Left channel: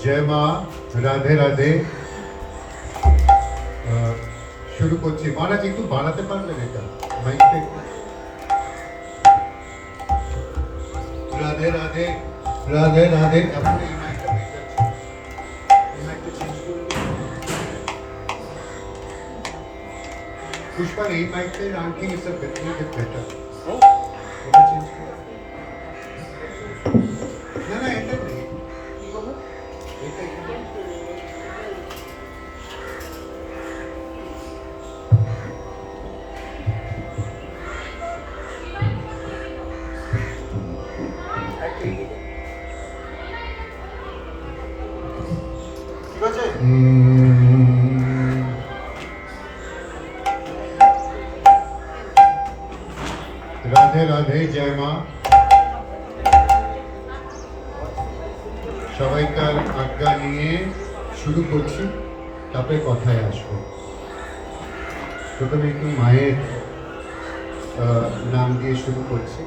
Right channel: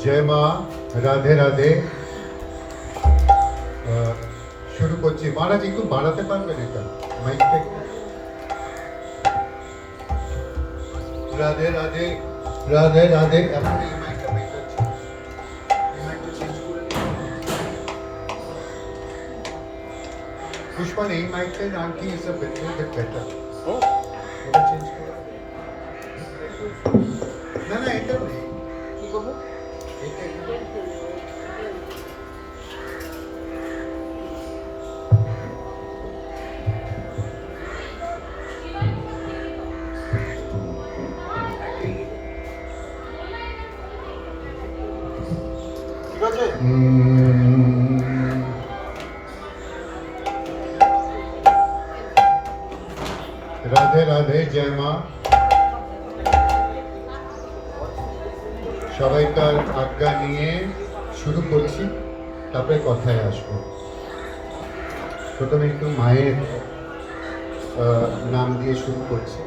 जय माँ राधे राधे শুরু করছি মহারাজ একটু বাড়াতে পারবেন এটা মাইকটা একটু রাধে রাধে রাধে রাধে এখন এই মাইকটা বেটার এই মাইকটা চেঞ্জ করে দিন পুষ্পা এই মাইকটা আন্টি ইজ আ বেটার এটা চেঞ্জ করে না না এটা নেই কি করব এটা রাধে রাধে জয় মা সবাইকার আজ্ঞা নিয়ে শুরু করছি তারপরে কথায় আসবো প্রথমে একটু মায়ের নাম দিয়ে শুরু করছি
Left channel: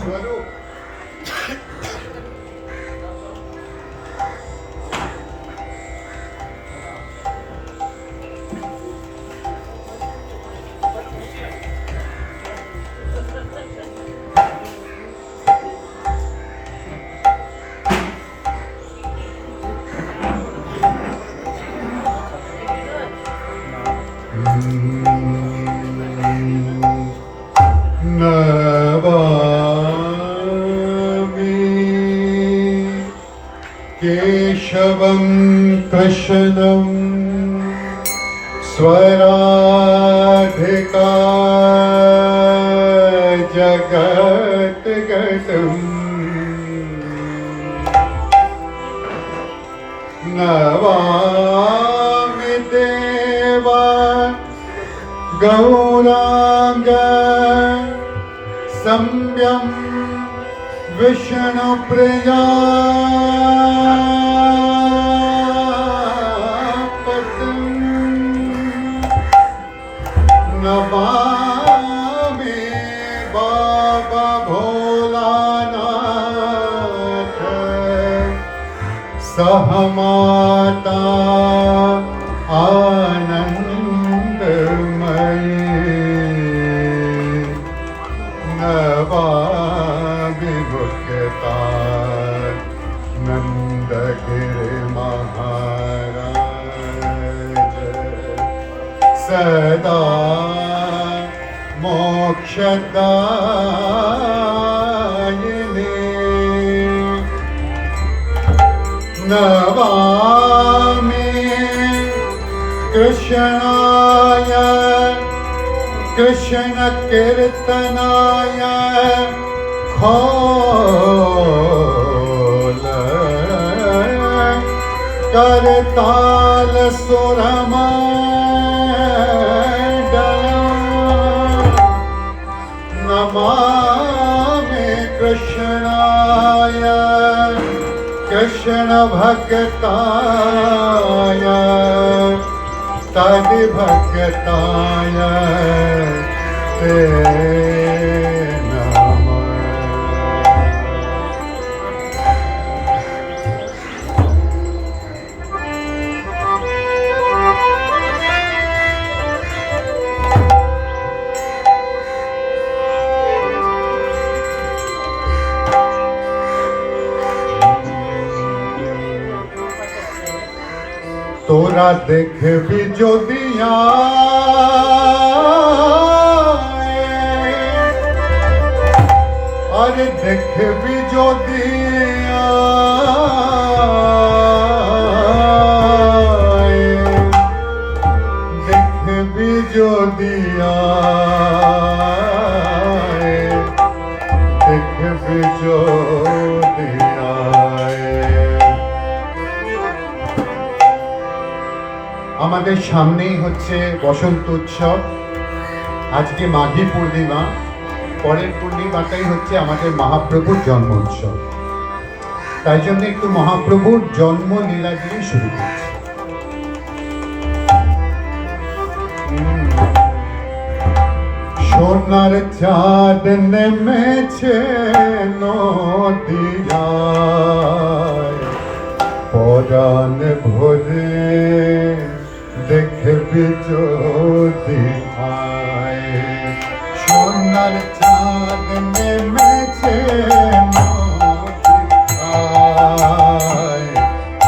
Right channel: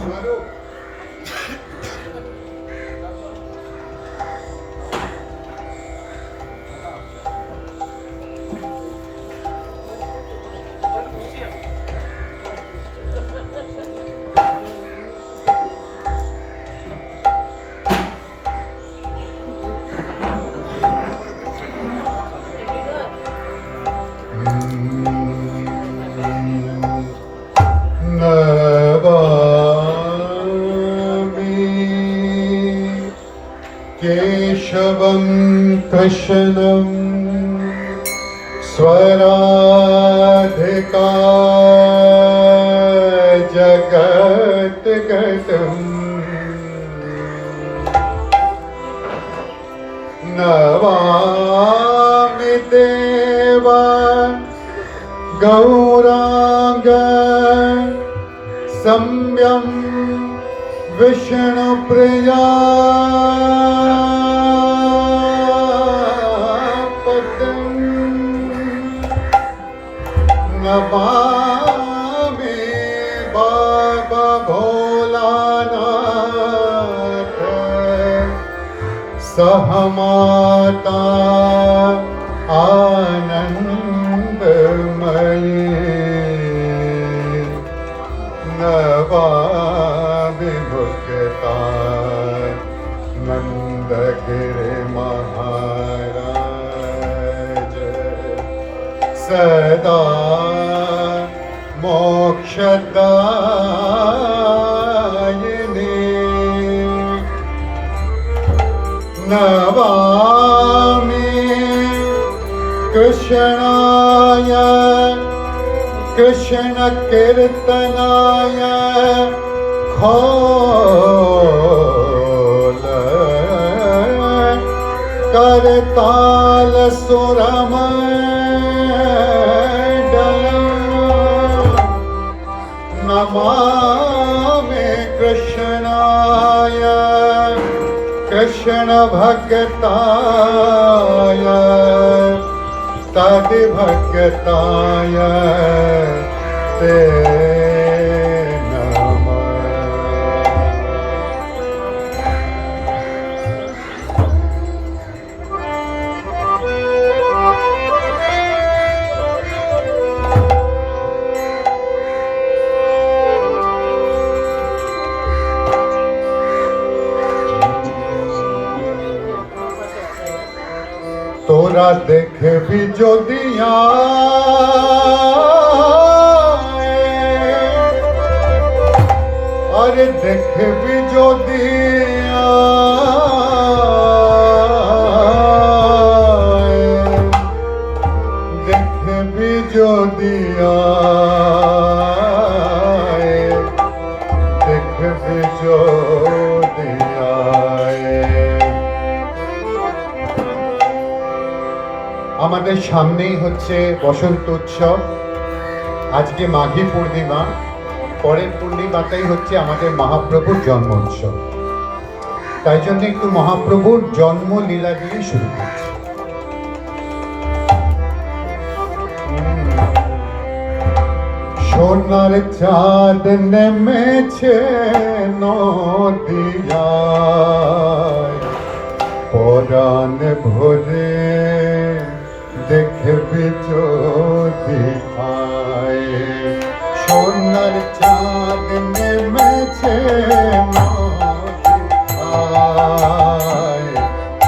স্বরূপ केशवं कृष्णं स्वराधिका जगद्गतम् नमामि देव गौरांग सम्यं विष्णुप्रिया नमामि सदा मोक्षदायिने नमामि कृष्णाय कृष्ण कीर्तनाय खोल करताल सुरमंडल नमामि कृष्णाय कृष्ण भक्ताय तद भक्ताय ते नमः। तोरा देखबी যদিয়া আরে দেখবি যদিয়া দেখবি যদিয়া দেখবি যদিয়া আমাদের সামনেই হচ্ছে বসন্ত উৎসব। আজকে মাঘী পূর্ণিমা, পরের পূর্ণিমাটাই হচ্ছে আমাদের মহাপ্রভুর জন্ম উৎসব। তাই জন্য একটু মহাপ্রভুর জন্ম লীলা দিয়ে শুরু করছি। সোনার চাঁদ নেমেছে নদিয়ায়, পরাণ ভরে দেখবি যদি আয়। সোনার চাঁদ নেমেছে নদিয়ায়,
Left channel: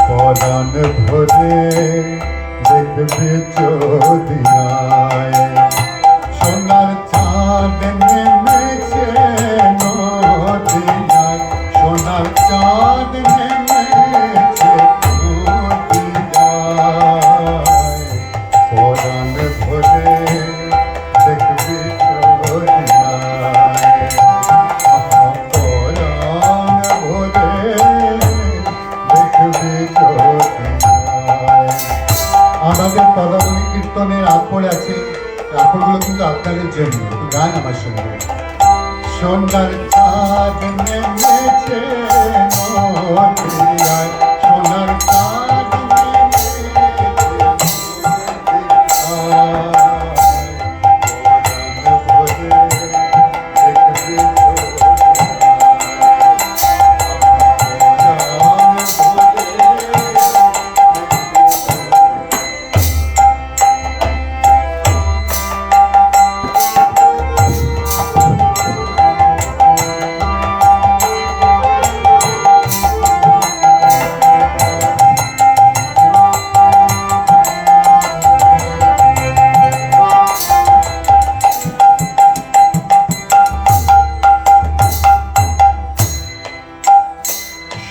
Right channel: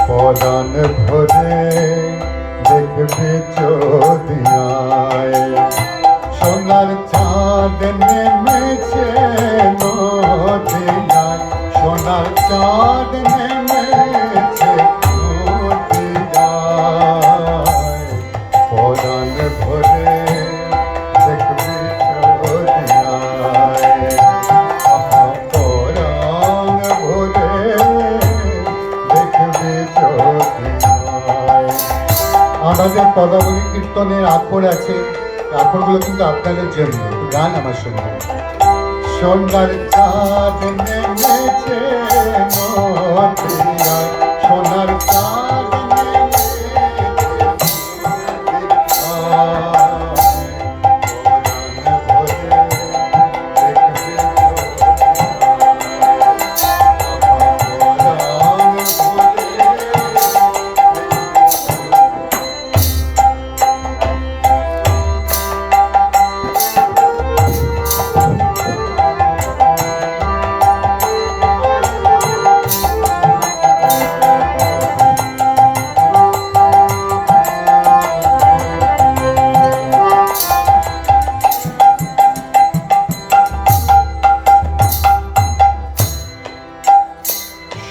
পরাণ ভরে দেখবি যদি আয়। সোনার চাঁদ নেমেছে নদিয়ায়, সোনার চাঁদ নেমেছে নদিয়ায়, পরাণ ভরে দেখবি চদিয়ায়। পরাণ ভরে দেখবি চদিয়ায়। আমাদের পদাবলী কীর্তনের আকর আছে, আকরগুলো কিন্তু আপনাদের জন্য। গান আমার সঙ্গে। সোনার চাঁদ নেমেছে নদিয়ায়, সোনার চাঁদ নেমেছে নদিয়ায়, পরাণ ভরে দেখবি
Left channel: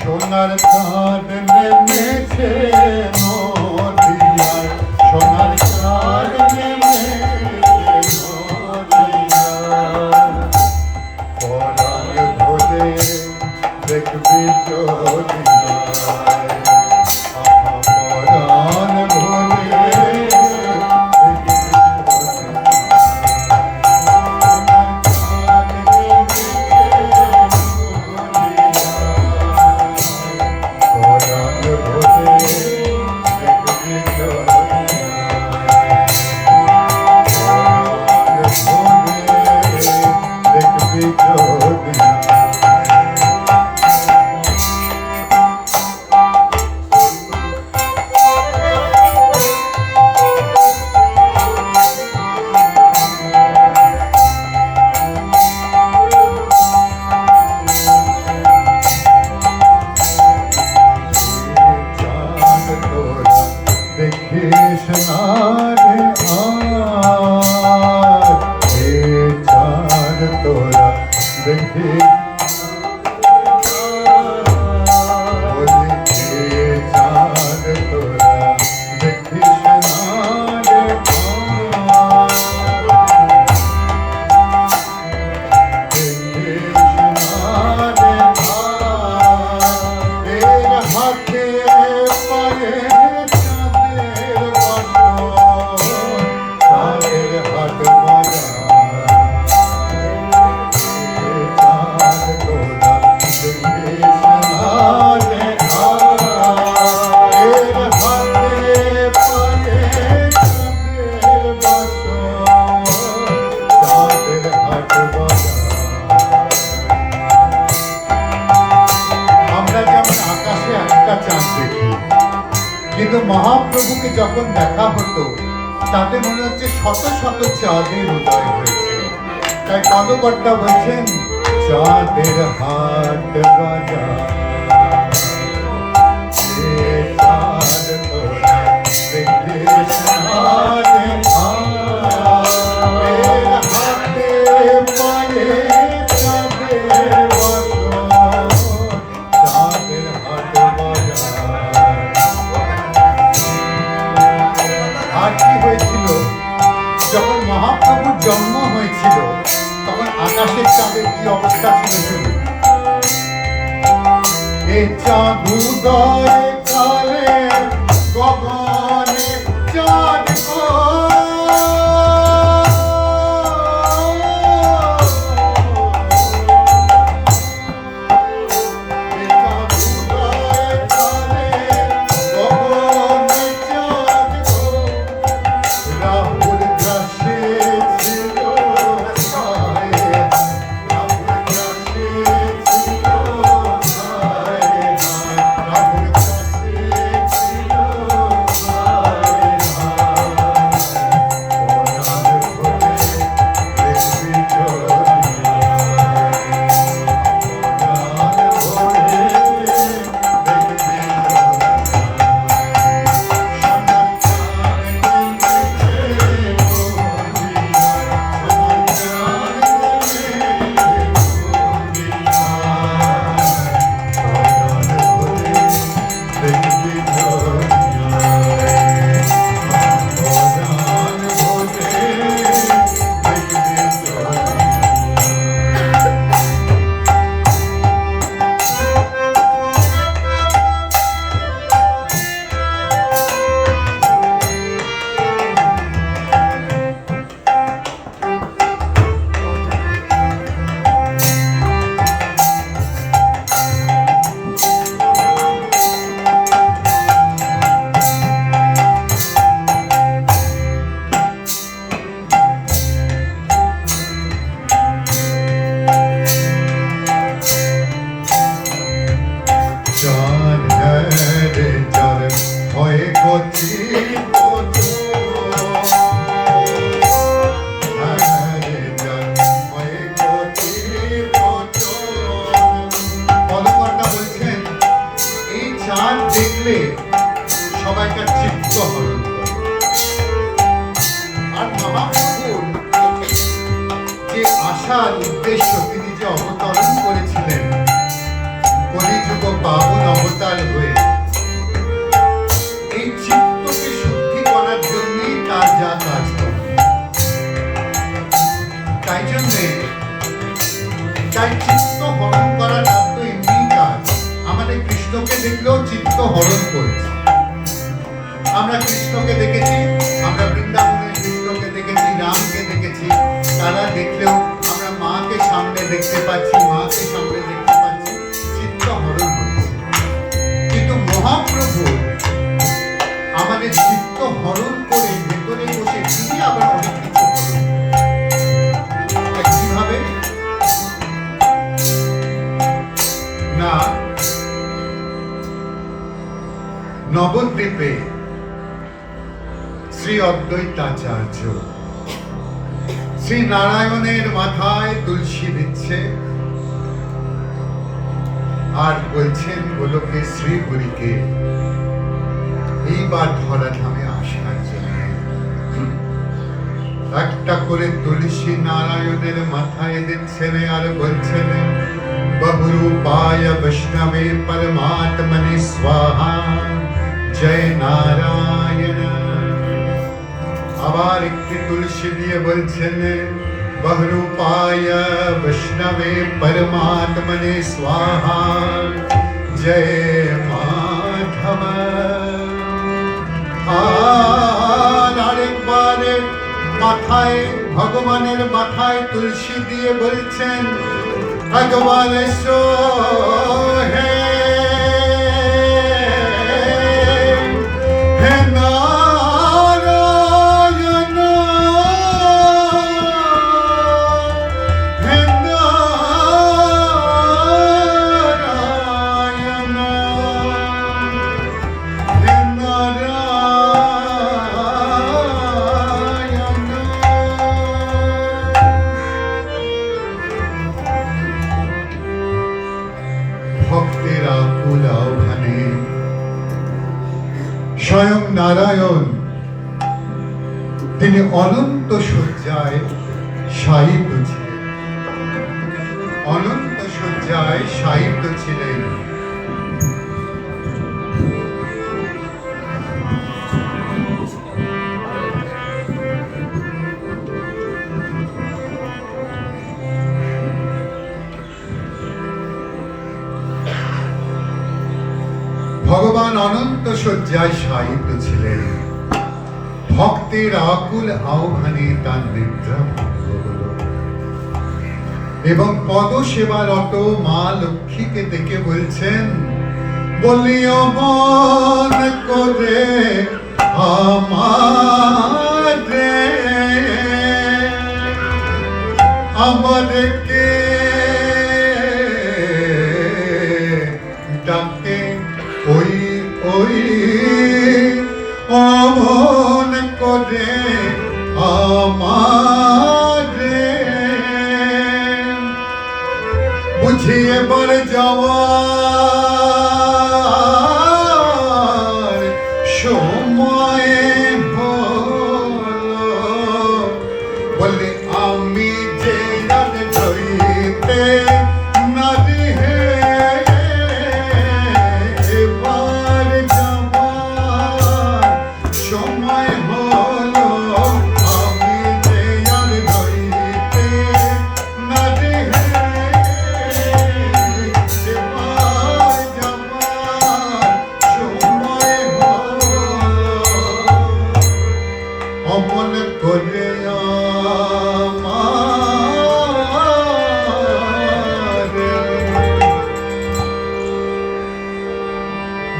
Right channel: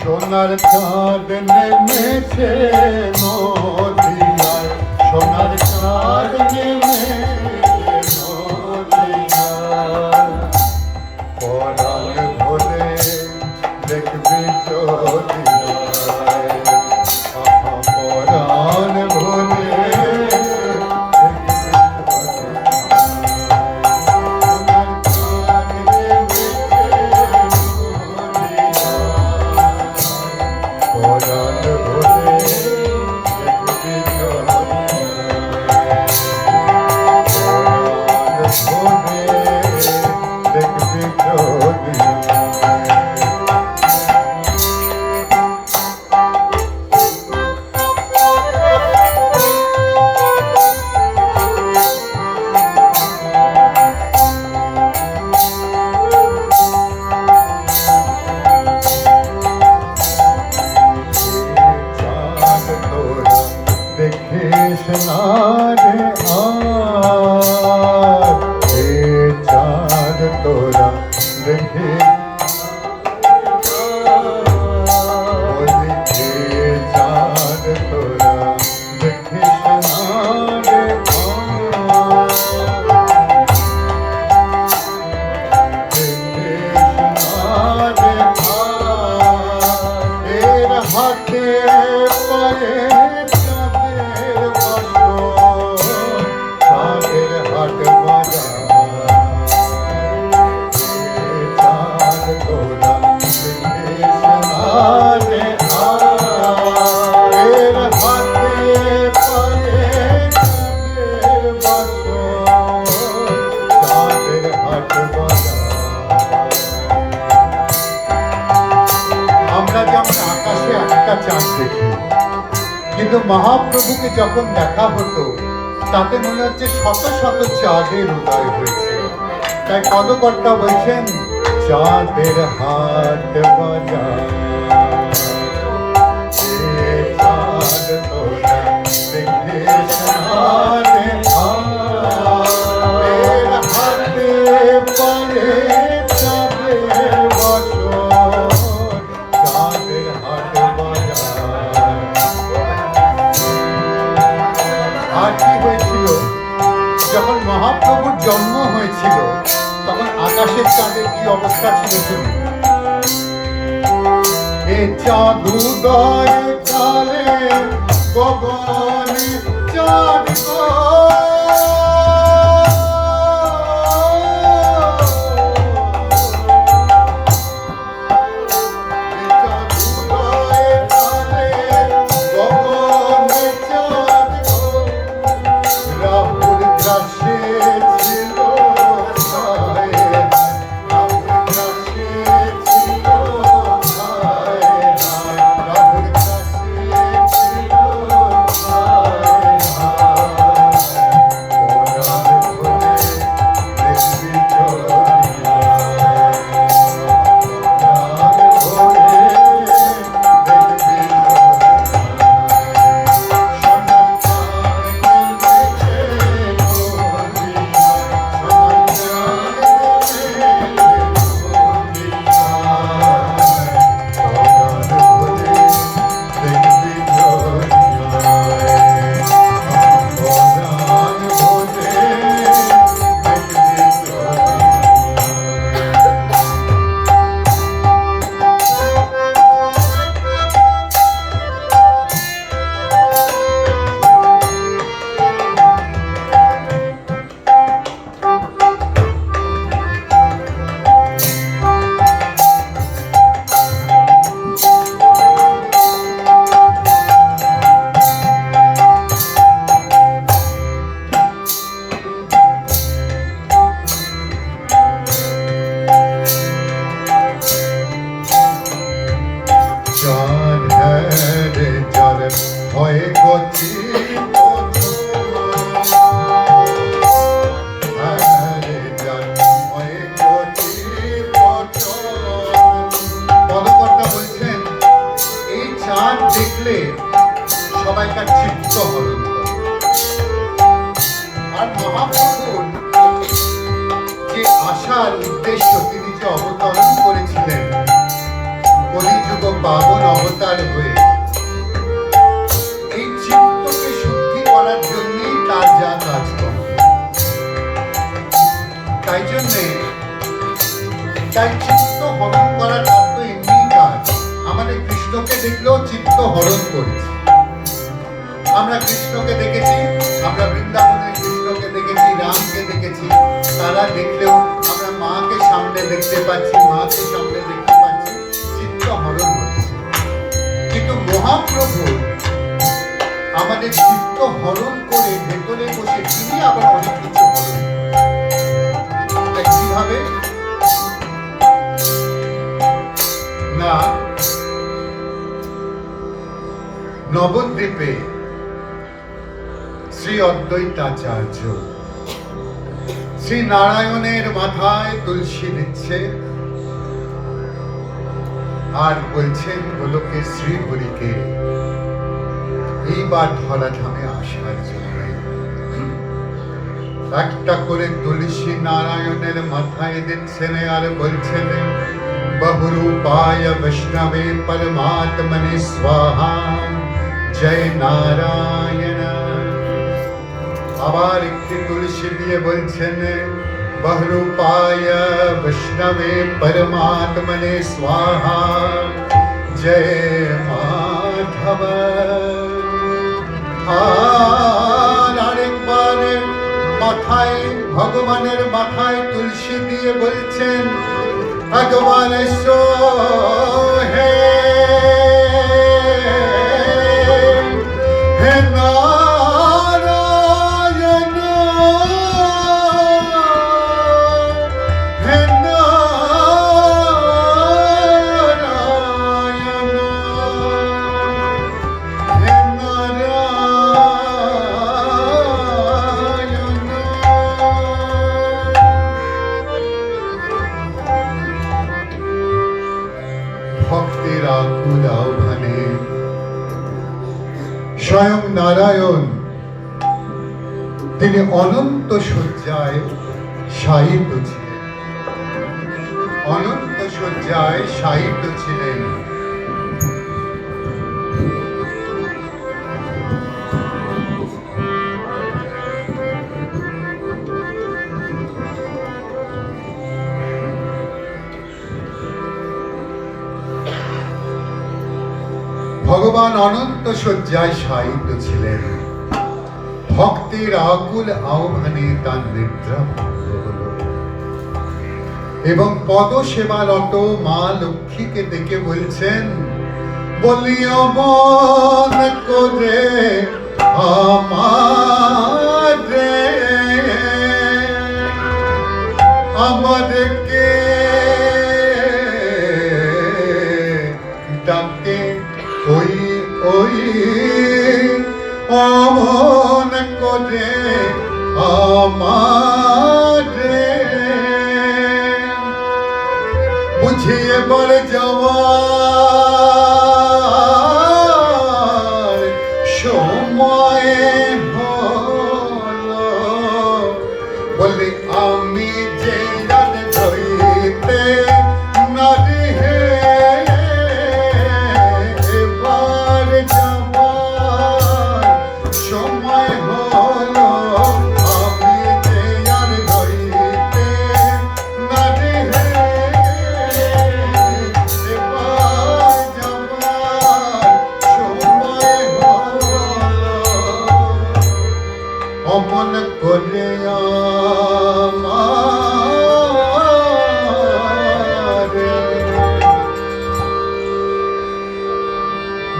সোনার চাঁদ নেমেছে নদিয়ায়, সোনার চাঁদ নেমেছে নদিয়ায়, পরাণ ভরে দেখবি চদিয়ায়। পরাণ ভরে দেখবি দেখিস না রে আমরা যেমন আকাশে একটা চাঁদ দেখি, কিন্তু মহাপ্রভুকে যখন দেখা হতো তাতে মনে হচ্ছে শত শত চাঁদের উদয় হয়েছে। তাই পদকর্তা বলছেন, চাঁদের হাট বাজার চাঁদ তোরা দেখিস না রে এর হাতে পায়ে চাঁদের বসন, চাঁদের হাট বাজার। আর কি হয়েছিল যখন মহাপ্রভুর জন্ম হয়েছিল, তখন আকাশের চাঁদের কি অবস্থা ছিল শুনুন। এ চাঁদ উদয় কালে গগনে চাঁদ গো, এ চাঁদ উদয় কালে গগনে চাঁদ গো, রাহুল গ্রাসে ছিল হায়, রাহুল গ্রাসে ছিল হায় হায়, রাহুল গ্রাসে ছিল হায় হায়, পরাণ ভরে দেখবি চলিয়ায়, পরাণ ভরে দেখবি দেখলে সবাইকার চিত্ত হরণ করে। আর মহাপ্রভুর যে আসার উদ্দেশ্য, তিনি যে অবতরণ করেছিলেন কলিযুগ পাবন অবতার হয়ে, এই চিত্তকে শুদ্ধি করার জন্যই তার যা কাজকর্ম। তাই জন্যে তাই চিত্ত হরণ করা তার তো এমনি কাজ। আমাদের কৃষ্ণকে দেখলেও চিত্ত হরণ করছে। আমরা কৃষ্ণকে দেখেছি, আমরা বৃন্দাবনের কৃষ্ণকে দেখেছি, রামকে দেখেছি। তারা দেখলেও আমরা মাকে সামনে দেখতে পাচ্ছি, মাকে সামনে দেখতে পাচ্ছি, চিত্ত হরণ হচ্ছে। কিন্তু মহাপ্রভু আমাদের চিত্ত হরণ করে ভেতরে বসে তিনি আবার অনেক কিছু হরণ কিভাবে না, নবদ্বীপে শ্রী অদ্বৈতাচার্য শ্রী নারায়ণের মাথায় তুলসী দিচ্ছে আর বলছেন গোলকে শ্রী হরিকে এইবার ধরাধামে আসার জন্য। একটা করে তুলসী নারায়ণের মাথায় দিচ্ছেন আর বলছেন বহুরূপায় বৈষ্ণবে পরমাত্মনে স্বাহা জয় নারায়ণ। আবার একটি তুলসী দিয়ে বলছেন बहुरूपाय विष्णवे परमात्मने स्वाहा जय माधव। আর আরেকবারে মাথায় ভগবানের মাথায় তুলসী দিয়ে বলছেন একবারে সো হে ভক্তের আকুল আহ্বানে স্বয়ং নারায়ণ তিনি অনন্ত শয্যায় শায়িত ছিলেন, অনন্ত শয্যায় শায়িত ছিলেন। ভগবান অনন্ত শয্যায় শায়িত ছিলেন। ভক্তের আকুল আহ্বানে তার নিদ্রা ভঙ্গ হল এবং পদ সেবারত মা লক্ষ্মীকে দেখে বলছেন বলিও মন করে আমাদেরকে ডাকে ওই ওই অমন করে আমাদের বুঝিয়ে বলে যাওয়ার সময় হলো বলে আমি যে রাত ধরিতে নদী হে অমন করে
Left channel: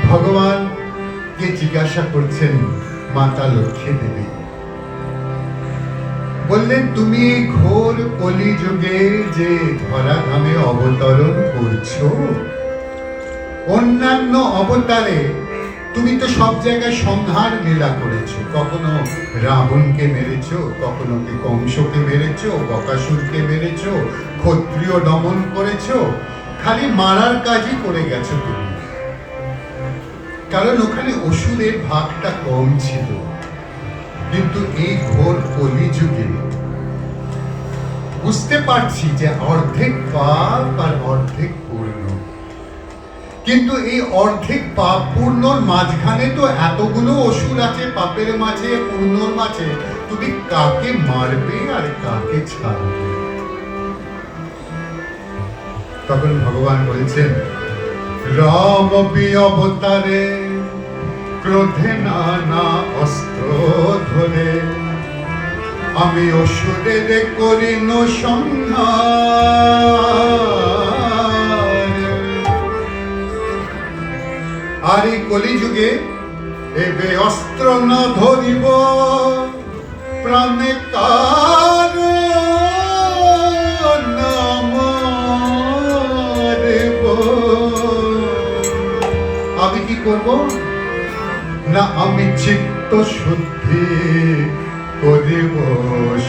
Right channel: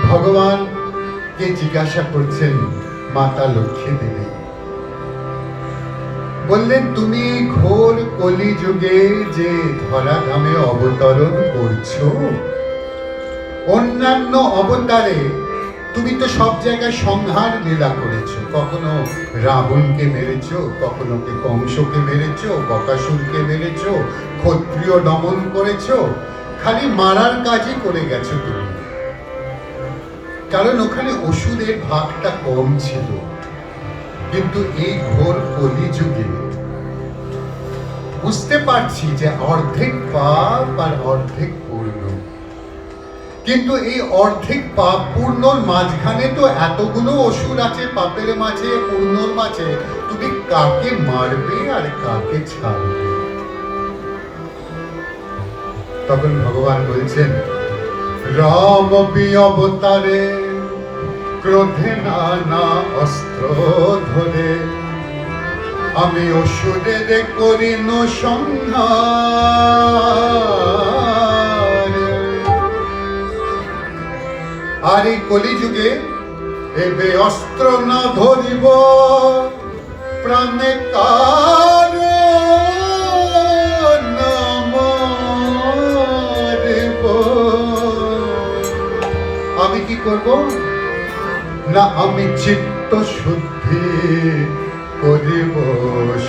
ভগবানকে জিজ্ঞাসা করছেন মাতা লক্ষ্মী দেবী, বললেন তুমি ঘোর কলিযুগে যে ধরাধামে অবতরণ করছো, অন্যান্য অবতারে তুমি তো সব জায়গায় সংহার লীলা করেছো, কখনো রাবণকে মেরেছো, কখনো কি কংসকে মেরেছো, বকাসুরকে মেরেছো, ক্ষত্রিয় দমন করেছো, খালি মারার কাজই করে গেছো তুমি, কারণ ওখানে অসুরের ভাগটা কম ছিল। কিন্তু এই ঘোর কলিযুগে বুঝতে পারছি যে অর্ধেক পাপ আর অর্ধেক পূর্ণ, কিন্তু এই অর্ধেক পাপ পূর্ণর মাঝখানে তো এতগুলো অসুর আছে, পাপের মাঝে পূর্ণর মাঝে তুমি কাকে মারবে আর কাকে ছাড়বে? তখন ভগবান বলছেন রাম অবতারে ক্রোধে নানা অস্ত্র ধরে আমি অসুরের করিন সংহার। আর এই কলিযুগে এবে অস্ত্র না ধরিব প্রাণে কার নাম দেব। আমি কি করব না, আমি চিত্ত শুদ্ধি করিব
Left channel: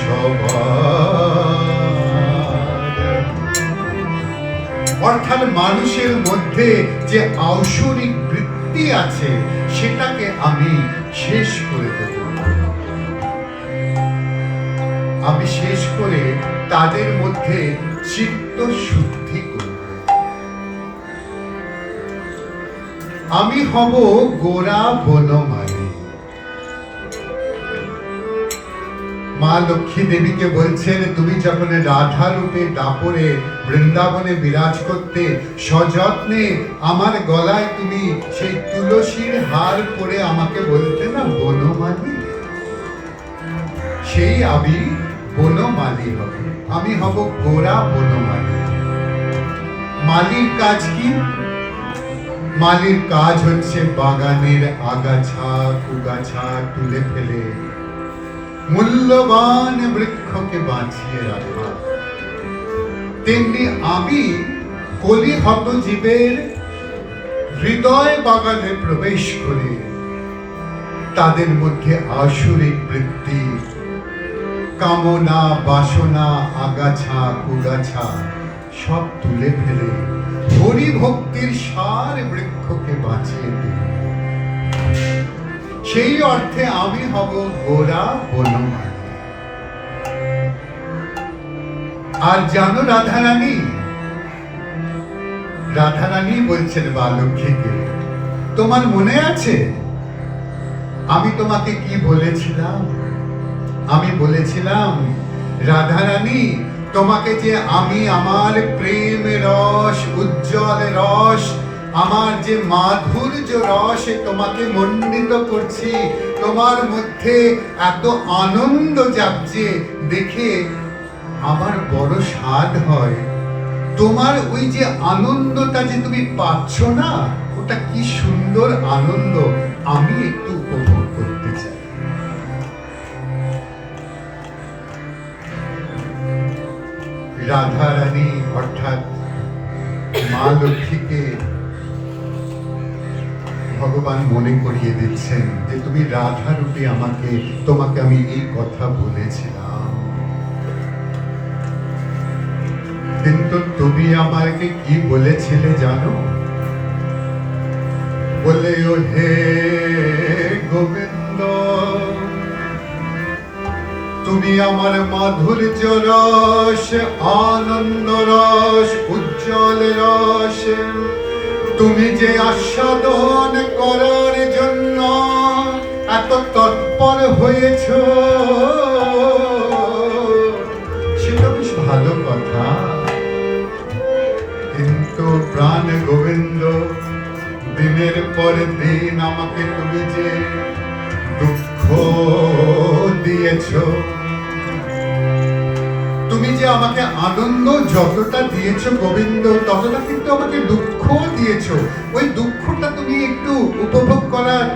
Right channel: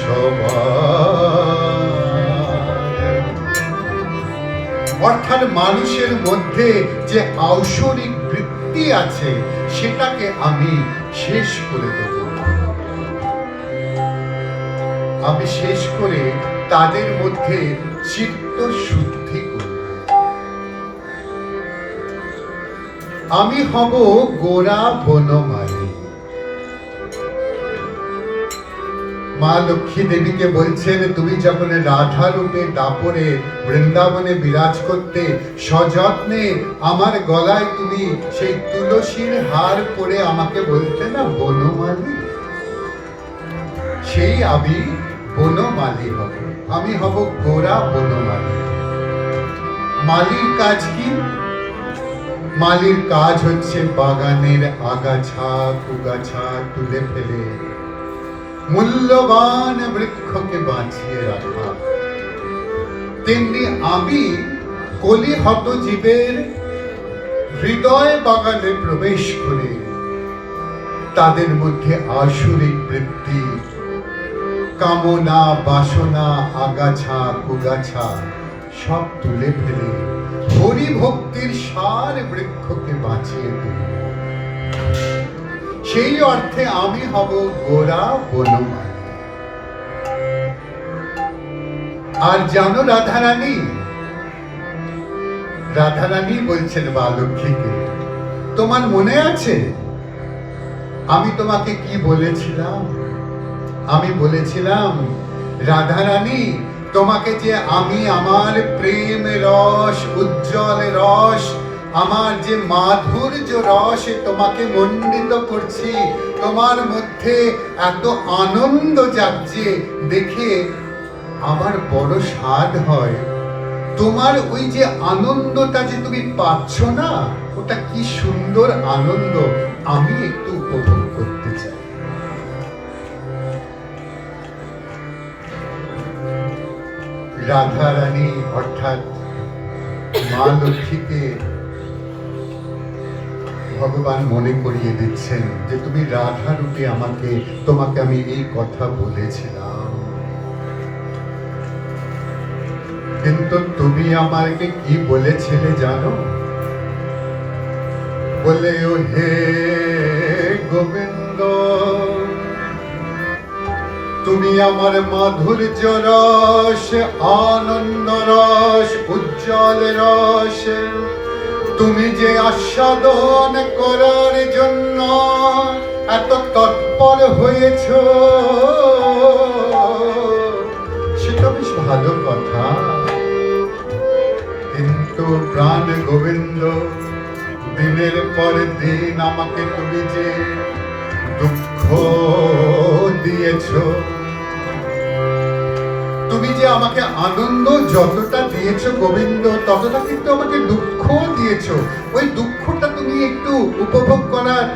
সবার। অর্থাৎ মানুষের মধ্যে যে ঐশ্বরিক বৃত্তি আছে সেটাকে আমি শেষ করে দেব। আমি শেষ করে তাদের মধ্যে চিত্ত শুদ্ধি করব। আমি হব গোরা বনমালী। মা লক্ষ্মী দেবীকে বলছেন, তুমি যখন রাধা রূপে দাপরে বৃন্দাবনে বিরাজ করতে, সযত্নে আমার গলায় তুমি সেই তুলসীর হার পরে আমাকে বলতে না বনমালী, সেই আমি বনমালী হব। আমি হব গোরা বনমালী। মালির কাজ কি? মালির কাজ হচ্ছে বাগানের আগাছা কুগাছা তুলে ফেলে মূল্যবান বৃক্ষকে বাঁচিয়ে রাখা। তেমনি আমি কলিহত জীবের হৃদয় বাগানে প্রবেশ করে তাদের মধ্যে আসরিক বৃত্তি, কামনা, বাসনা, আগাছা কুগাছা সব তুলে ফেলে হরি ভক্তির সার বৃক্ষকে বাঁচিয়ে দিই। সেই অর্থে আমি হব গোরা বনমালী। আর জানো রাধারানী, রাধারানী বলছেন মা লক্ষ্মীকে, তোমার মনে আছে আমি তোমাকে কি বলেছিলাম? আমি বলেছিলাম, রাধারানী তোমাকে যে আমি আমার প্রেম রস, উজ্জ্বল রস, আমার যে মাধুর্য রস তোমাকে মণ্ডিত করছি, তোমার মধ্যে এত আনন্দ জাগছে দেখে আমার বড় স্বাদ হয়। তোমার ওই যে আনন্দটা যে তুমি পাচ্ছ না, ওটা কি সুন্দর আনন্দ, আমি একটু উপভোগ করতে চাই। রাধা রানী অর্থাৎ মা লক্ষ্মীকে ভগবান মনে করিয়ে দিচ্ছেন যে তুমি রাধা রূপে তোমাকে আমি এই কথা বলেছিলাম, কিন্তু তুমি আমাকে কি বলেছিলে জানো? বলে ও হে গোবিন্দ, তুমি আমার মাধুর্য রস, আনন্দ রস, উজ্জ্বল রস তুমি যে আস্বাদন করার জন্য এত তৎপর হয়েছ, সেটা বেশ ভালো কথা, কিন্তু প্রাণ গোবিন্দ দিনের পর দিন আমাকে তুমি যে দুঃখ দিয়েছ, তুমি যে আমাকে আনন্দ যতটা দিয়েছ গোবিন্দ, ততটা কিন্তু আমাকে দুঃখ দিয়েছ। ওই দুঃখটা তুমি একটু উপভোগ করার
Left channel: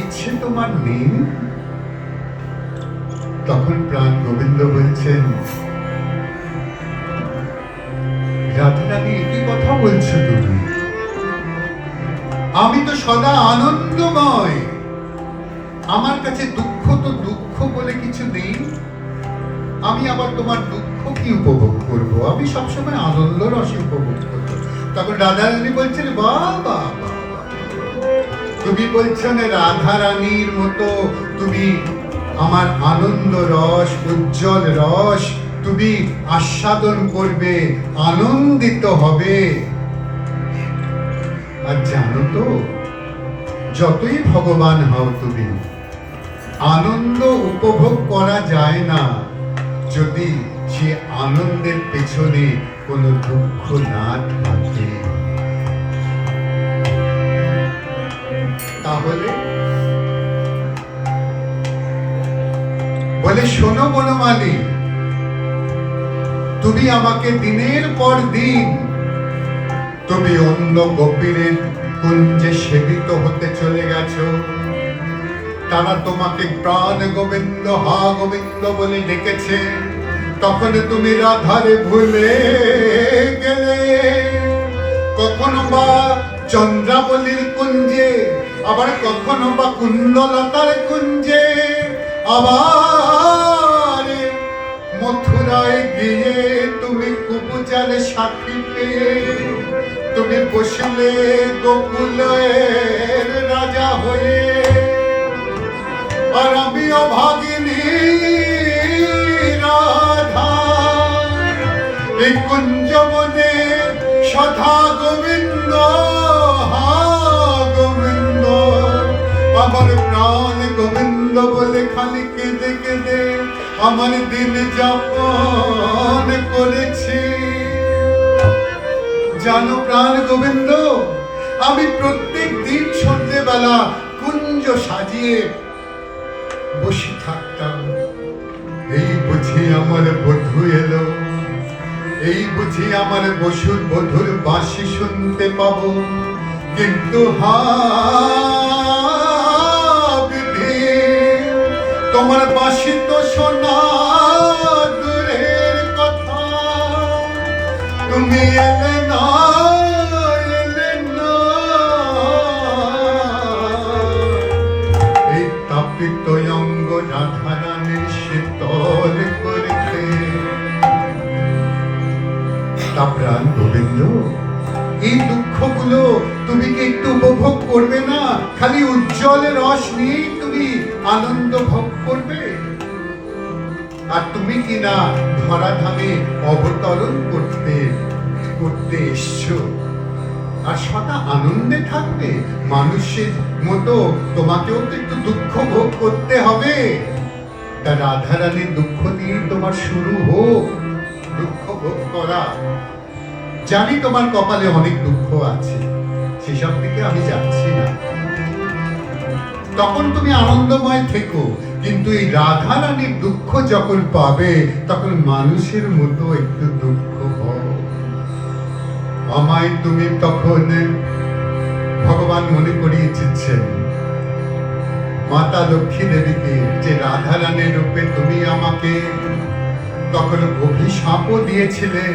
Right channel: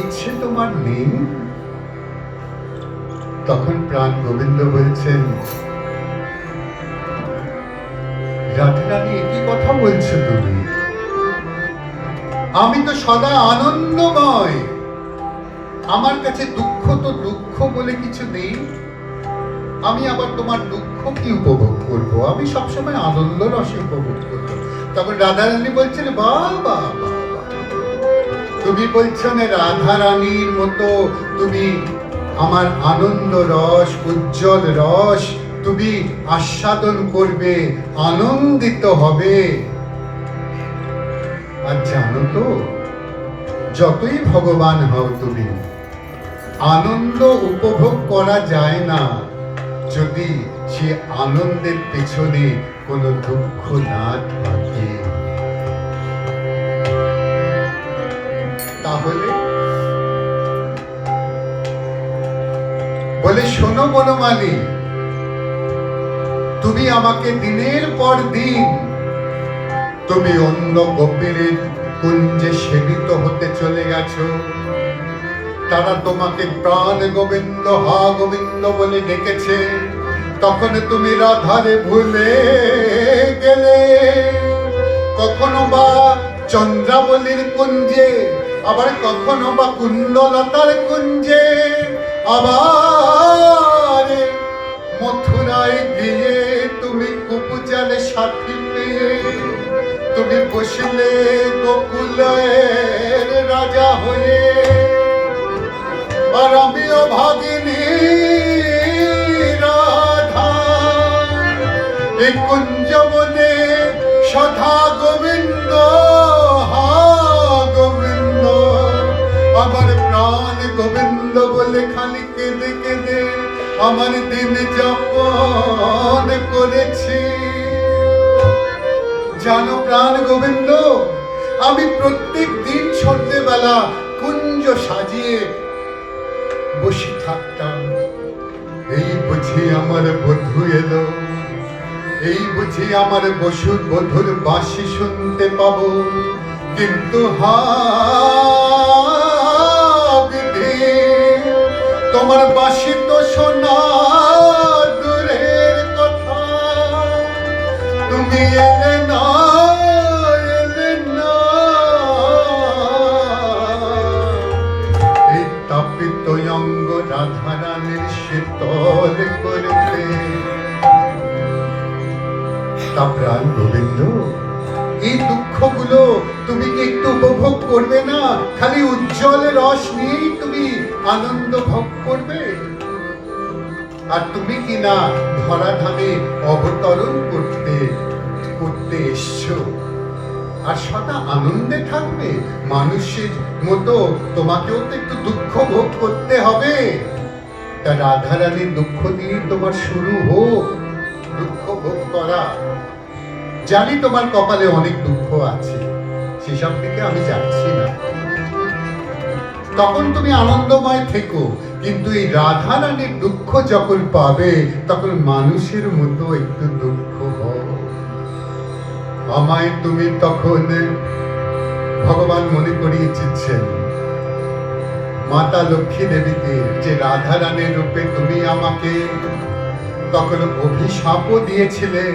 ইচ্ছে তোমার নেই? তখন প্রাণ গোবিন্দ বলছেন, রাধারানী কি কথা বলছো তুমি? আমি তো সদা আনন্দময়, আমার কাছে দুঃখ তো দুঃখ বলে কিছু নেই। আমি আবার তোমার দুঃখ কি উপভোগ করবো? আমি সবসময় আনন্দ রসে উপভোগ করবো। তখন রাধারানী বলছেন, বাবা তুমি বলছো না রাধারানীর মতো তুমি আমার আনন্দ রস, উজ্জ্বল রস তুমি আস্বাদন করবে, আনন্দিত হবে। আর জানো তো, যতই ভগবান হও তুমি, আনন্দ উপভোগ করা যায় না যদি সে আনন্দের পেছনে কোনো দুঃখ না থাকে। তাহলে বলে, শোনো বনমালী, তুমি আমাকে দিনের পর দিন তুমি অন্য গোপীরের কুঞ্জে সেবিত হতে চলে গেছো। তারা তোমাকে প্রাণ গোবিন্দ, হা গোবিন্দ বলে ডেকেছে, তখন তুমি রাধারে ভুলে গেলে। কখনো বা চন্দ্রাবলীর কুঞ্জে, আবার কখনো বা কুণ্ডলতার কুঞ্জে, আবার মথুরায় গিয়ে তুমি কুপুজালে সাথী পেয়ে তুমি বসলে গোকুলের রাজা হয়ে। আর আমিও ভাগিনী এই কুঞ্জবনে সদা গোবিন্দ, হা গোবিন্দ, আমার প্রাণ গোবিন্দ বলে খালি কেঁদে কেঁদে আমার দিন যাপন করেছি। জানো প্রাণ গোবিন্দ, আমি প্রত্যেক দিন সন্ধ্যেবেলা কুঞ্জ সাজিয়ে বসে থাকতাম। এই বুঝি আমার বধূ এলো, এই বুঝি আমার বসুর বধুর বাঁশি শুনতে পাবো। কিন্তু হা বিধি, তোমার বাঁশি তো শোনা দূরের কথা, তুমি এলে না, এলে না। এই তাপিত অঙ্গ রাধারানীর শীতল করতে। তা প্রাণ গোবিন্দ, এই দুঃখগুলো তুমি কি একটু উপভোগ করবে না? খালি উজ্জ্বল রস নিয়েই তুমি আনন্দ ভোগ করবে? আর তুমি কি না ধরাধামে অবতরণ করতে করতে এসছো, আর সদা আনন্দে থাকবে? মানুষের মতো তোমাকেও তো একটু দুঃখ ভোগ করতে হবে। তা রাধারানীর দুঃখ দিয়ে তোমার শুরু হোক দুঃখ ভোগ করা। জানি তোমার কপালে অনেক দুঃখ আছে, সেসব দিকে আমি যাচ্ছি না। তখন তুমি আনন্দময় থেকো, কিন্তু এই রাধারানীর দুঃখ যখন পাবে তখন মানুষের মতো একটু দুঃখ হও। আমায় তুমি তখন ভগবান মনে করিয়েছেন মাতা লক্ষ্মী দেবীকে, যে রাধারানীর রূপে তুমি আমাকে তখন অভিশাপও দিয়েছিলে,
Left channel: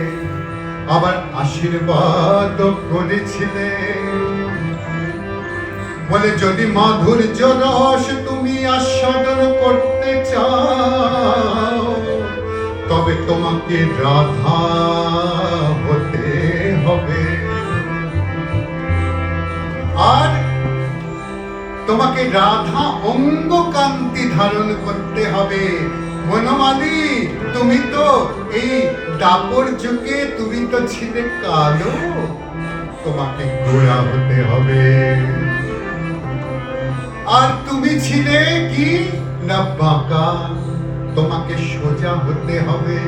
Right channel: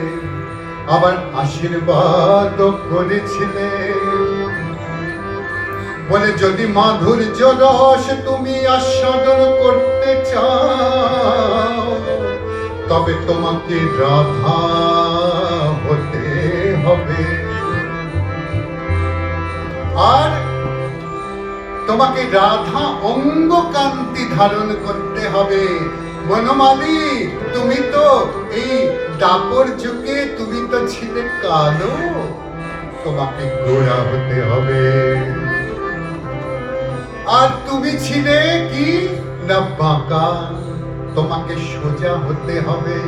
আবার আশীর্বাদ করেছিলে। বলে যদি মাধুর্য রস তুমি আস্বাদন করতে চাও, তবে তোমাকে রাধা হতে হবে। আর তোমাকে রাধা অঙ্গ কান্তি ধারণ করতে হবে। বনমালী, তুমি তো এই দাপর যুগে তুমি তো ছিলে কালো, তোমাকে গোরা হতে হবে। আর তুমি ছিলে কি না বাঁকা, তোমাকে সোজা হতে হবে।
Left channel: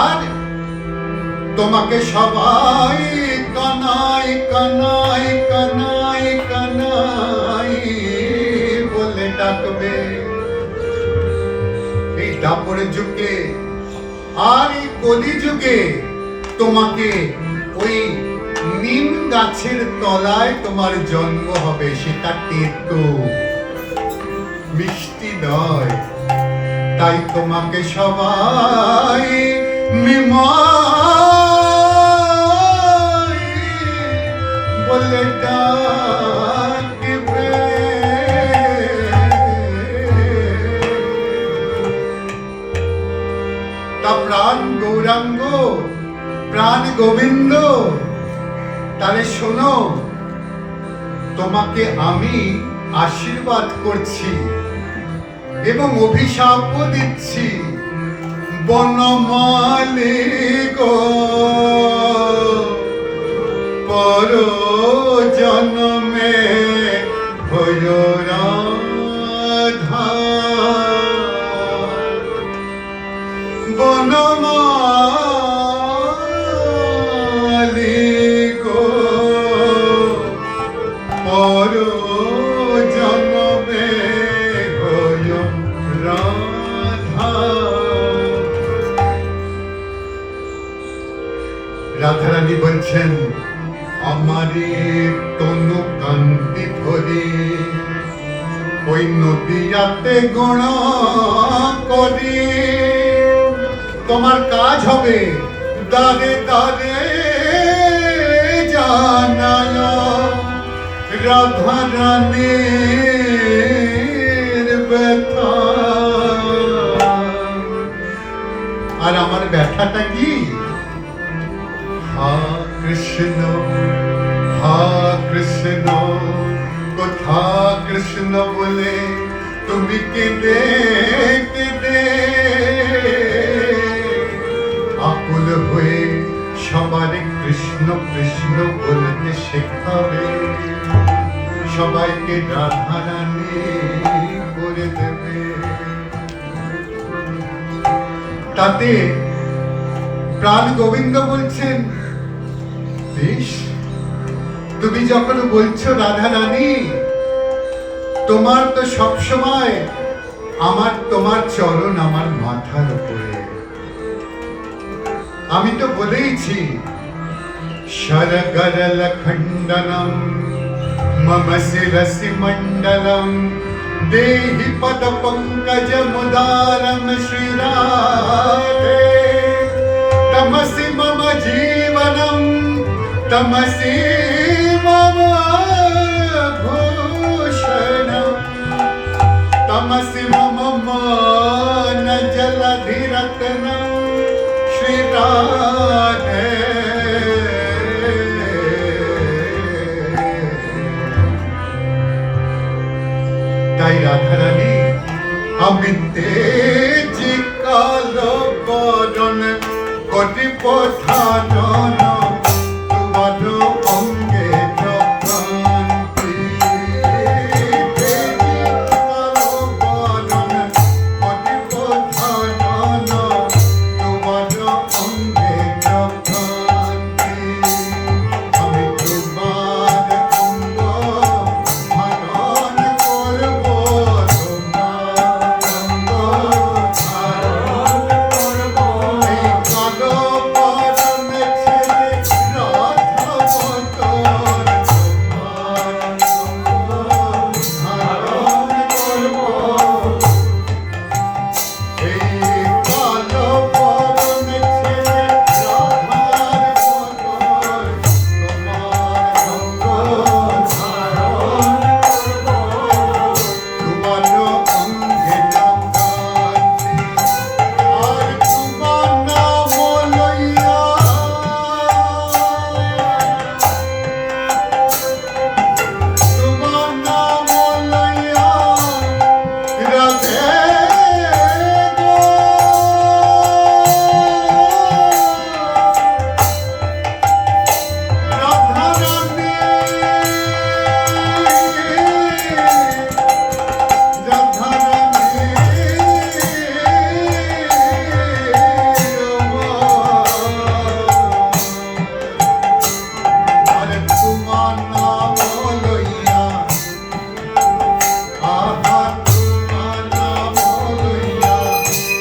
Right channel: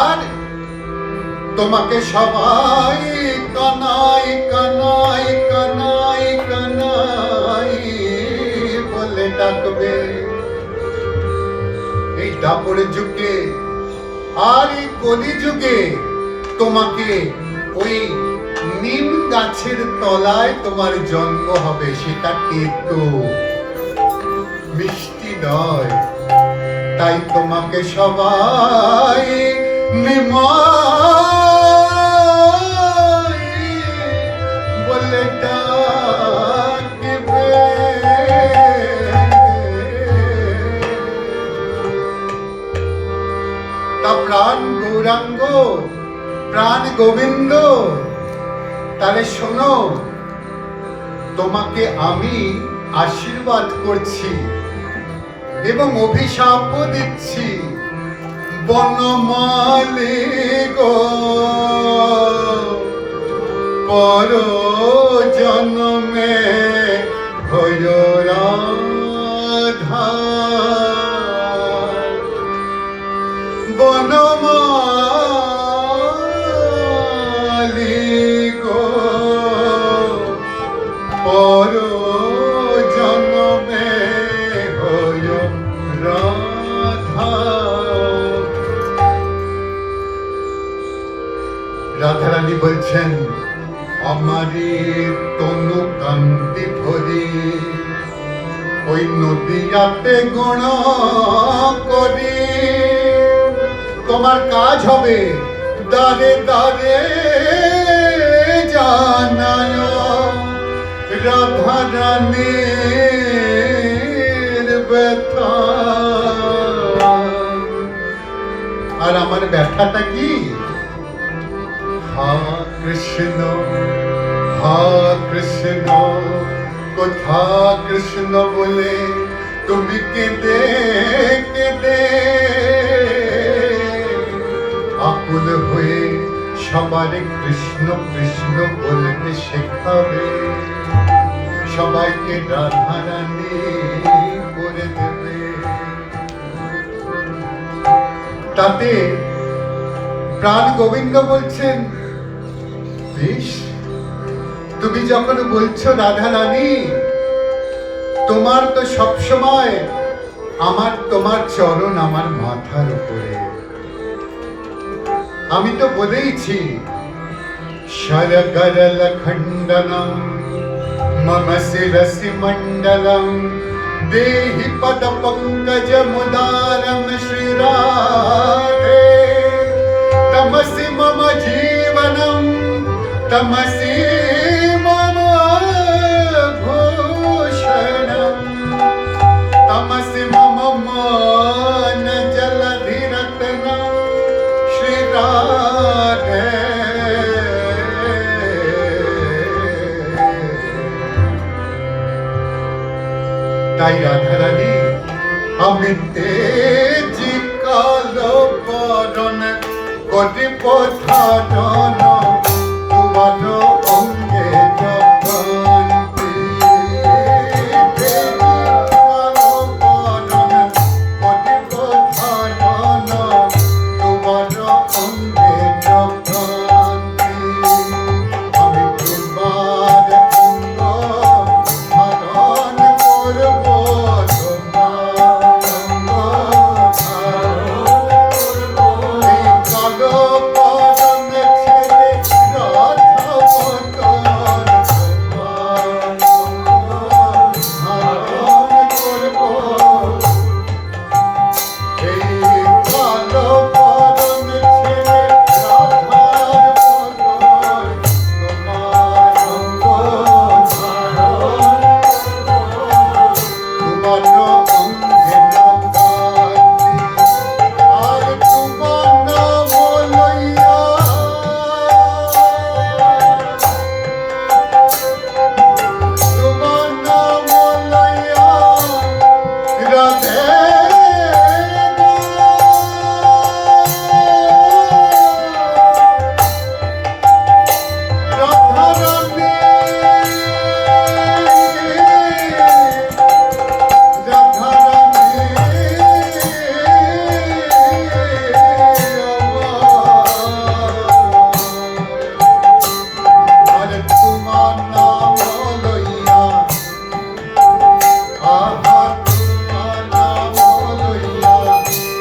আর তোমাকে সবাই কানাই কানাই কানাই কানাই বলে ডাকবে এই দাপর যুগে। আর এই কলি যুগে তোমাকে ওই নিম গাছের তলায় তোমার জন্ম হবে। সেটা একটু মিষ্টি নয়, তাই তোমাকে সবাই নিমাই বলে ডাকবে। তা প্রাণ গৌরাঙ্গ, প্রাণ গোবিন্দ, তাহলে শোনো, তোমাকে আমি আশীর্বাদ করছি এবং অভিশাপও দিচ্ছি। বনমালী গো, পর জন্মে হয় রাধা। বনমালী গো, পর জন্মে হয় রাধা। রাধারানী বলছেন, আমারে তনু কান্তি ধরে ওই নদীয়াতে গুণ করি। তোমার কাজ হবে দারে দারে জানায় রাধারানীর ব্যথা। আর আমার ব্যথাটা কি? হা কৃষ্ণ, হা কৃষ্ণ, কোথা কৃষ্ণ বলে তুমি কেঁদে কেঁদে হয়ে সবারে কৃষ্ণ কৃষ্ণ বলতে শেখাবে, সবাইকে রাধা রানী করে দেবে। তাতে প্রাণ গোবিন্দ বলছেন, বেশ, তুমি যখন বলছো রাধা রানী, তোমার তো সবসময় আমার তোমার চরণ আমার মাথার উপরে। আমি তো বলেইছি, শরগরল খণ্ডনম মম শিরসি মণ্ডলম দেহি পদ পঙ্কজ মুদারম শ্রীরাধে তমসি মম জীবনম তমসি মম ভূষণম তমসি মম মান জলধি রত্নম শ্রীরাধে। তাই রাধা রানী, আমি তেজি কালো বরণ কোটি পথারণ তোমার অঙ্গে যখন তেজি কালো বরণ কোটি পথারণ তোমার অঙ্গে যখন আমি তোমার অঙ্গ ধারণ করব, তোমার অঙ্গ ধারণ করব। এই কালো বরণ ছেড়ে রাধা বদন তোমার অঙ্গ ধারণ করব। এই কালো বরণ ছেড়ে রাধার বদন তোমার অঙ্গ ধারণ করব। তোমার অঙ্গে নাম গাঁথি, আর তোমার নাম লইয়া তোমার নাম লইয়া রাধে গো। রাধা রাধে, রাধা রাধে আরে তোমার নাম লইয়া, আহা তোমার নাম লইয়া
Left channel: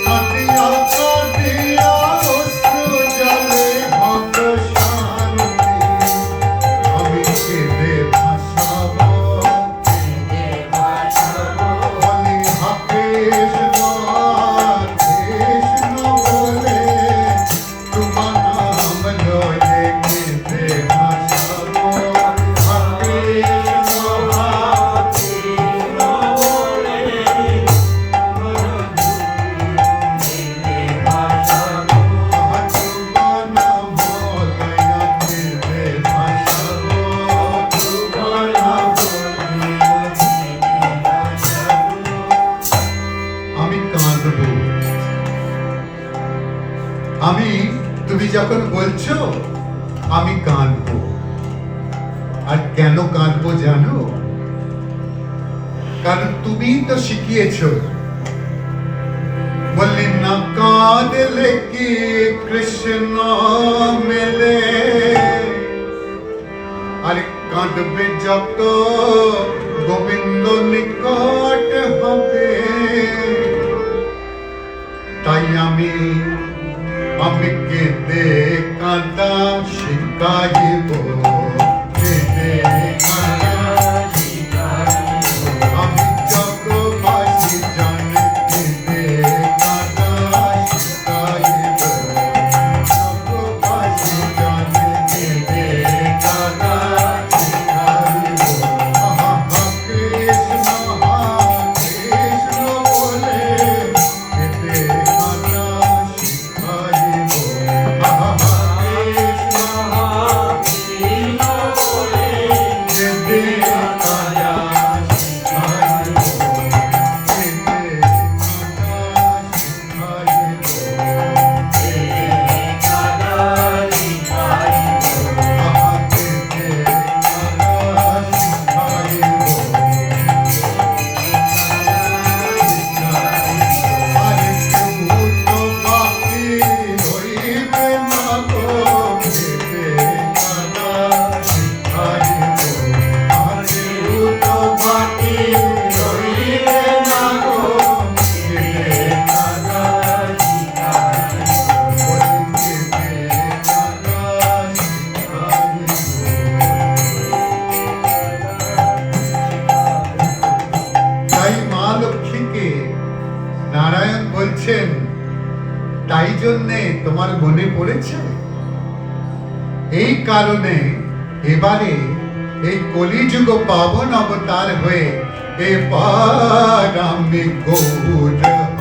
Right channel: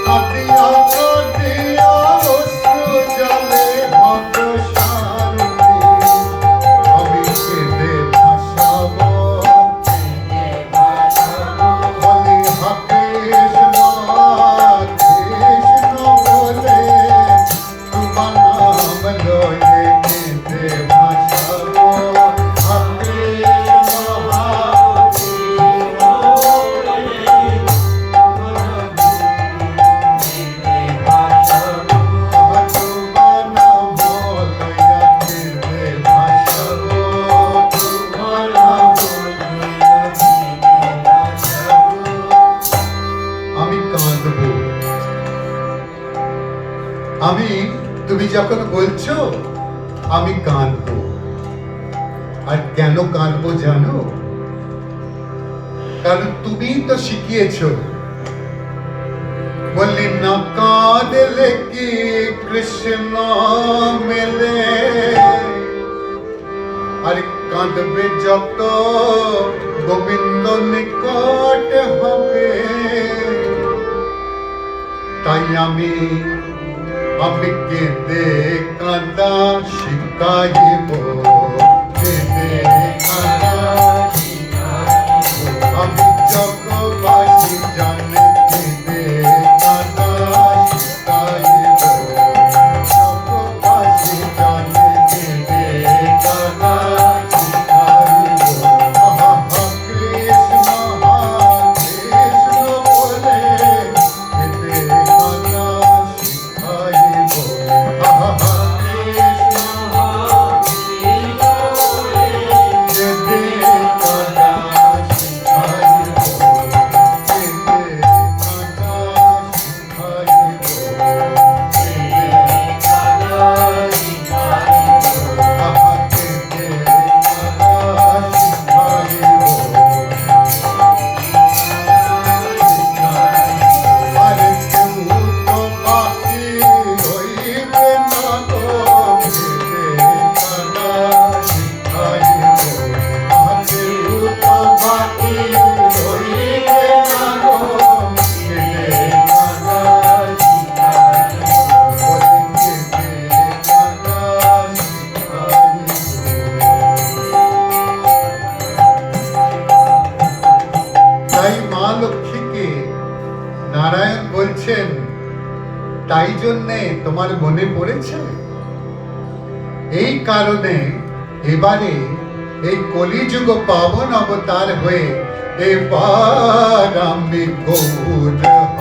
কাটিয়া কাটিয়া অশ্রু জলে হব শান্তি। আমি কেঁদে ভাসাব, বলি হা কৃষ্ণ কৃষ্ণ বলে, তোমার নাম লয়ে কেঁদে ভাসাব। হা কৃষ্ণ তোমার নাম লইয়া কেঁদে ভাসাব, তোমার নাম লইয়া কেঁদে ভাসাব। আমি কাঁদব, আমি, তুমি যখন বলছো আমি কাঁদবো। আর কেন কাঁদবো জানো? কারণ তুমি তো শিখিয়েছো, বললি না কাঁদলে কি কৃষ্ণ মেলে, আর কাঁদবে যত গোবিন্দ নিকট হবে। তাই আমি কেঁদে কাঁদা শিখাইব, কেঁদে কাঁদা শিখাইব। আমি জগবাসী জানে কেঁদে কাঁদা শিখাইব, জগবাসী জানে কেঁদে কাঁদা শিখাইব। আহা কৃষ্ণ বলে কেঁদে কাঁদা শিখাইব। আহা কৃষ্ণ তাই জন্যে তোমার মনে পড়েছে? এই কারণে এবারে এই কলিযুগ পাবন অবতার হয়ে এবার আমি গৌর হব।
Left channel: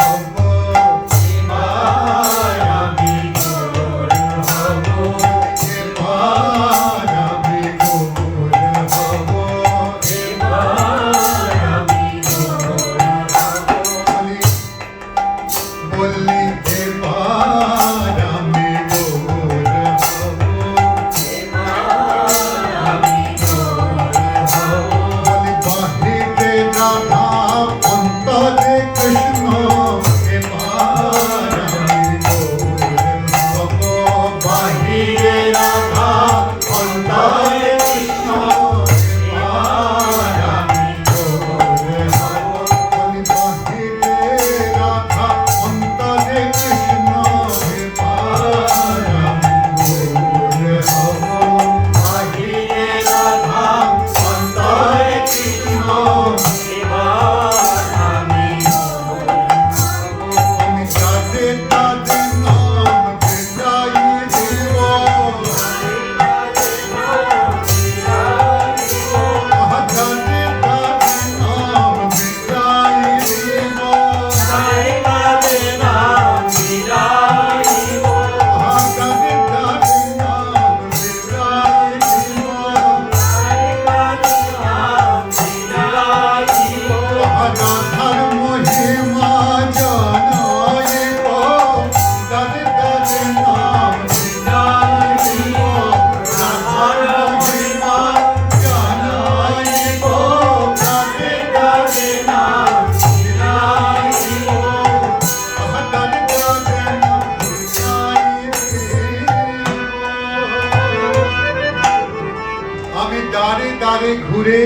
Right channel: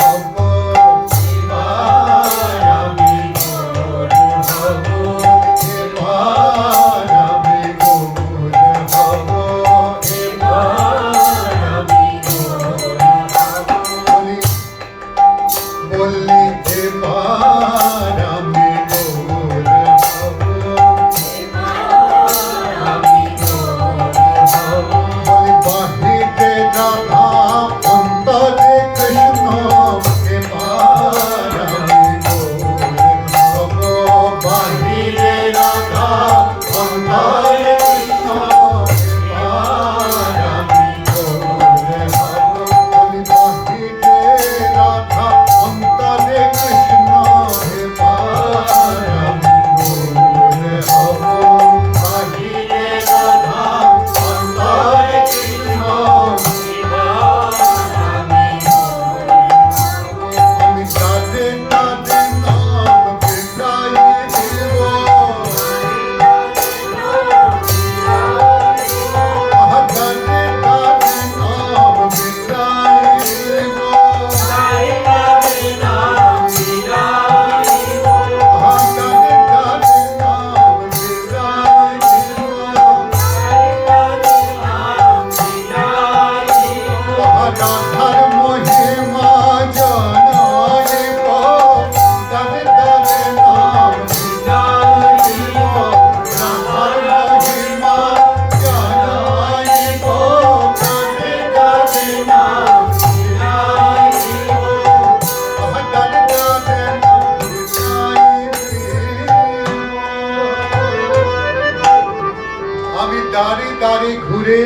দ্বারে দ্বারে ঘুরে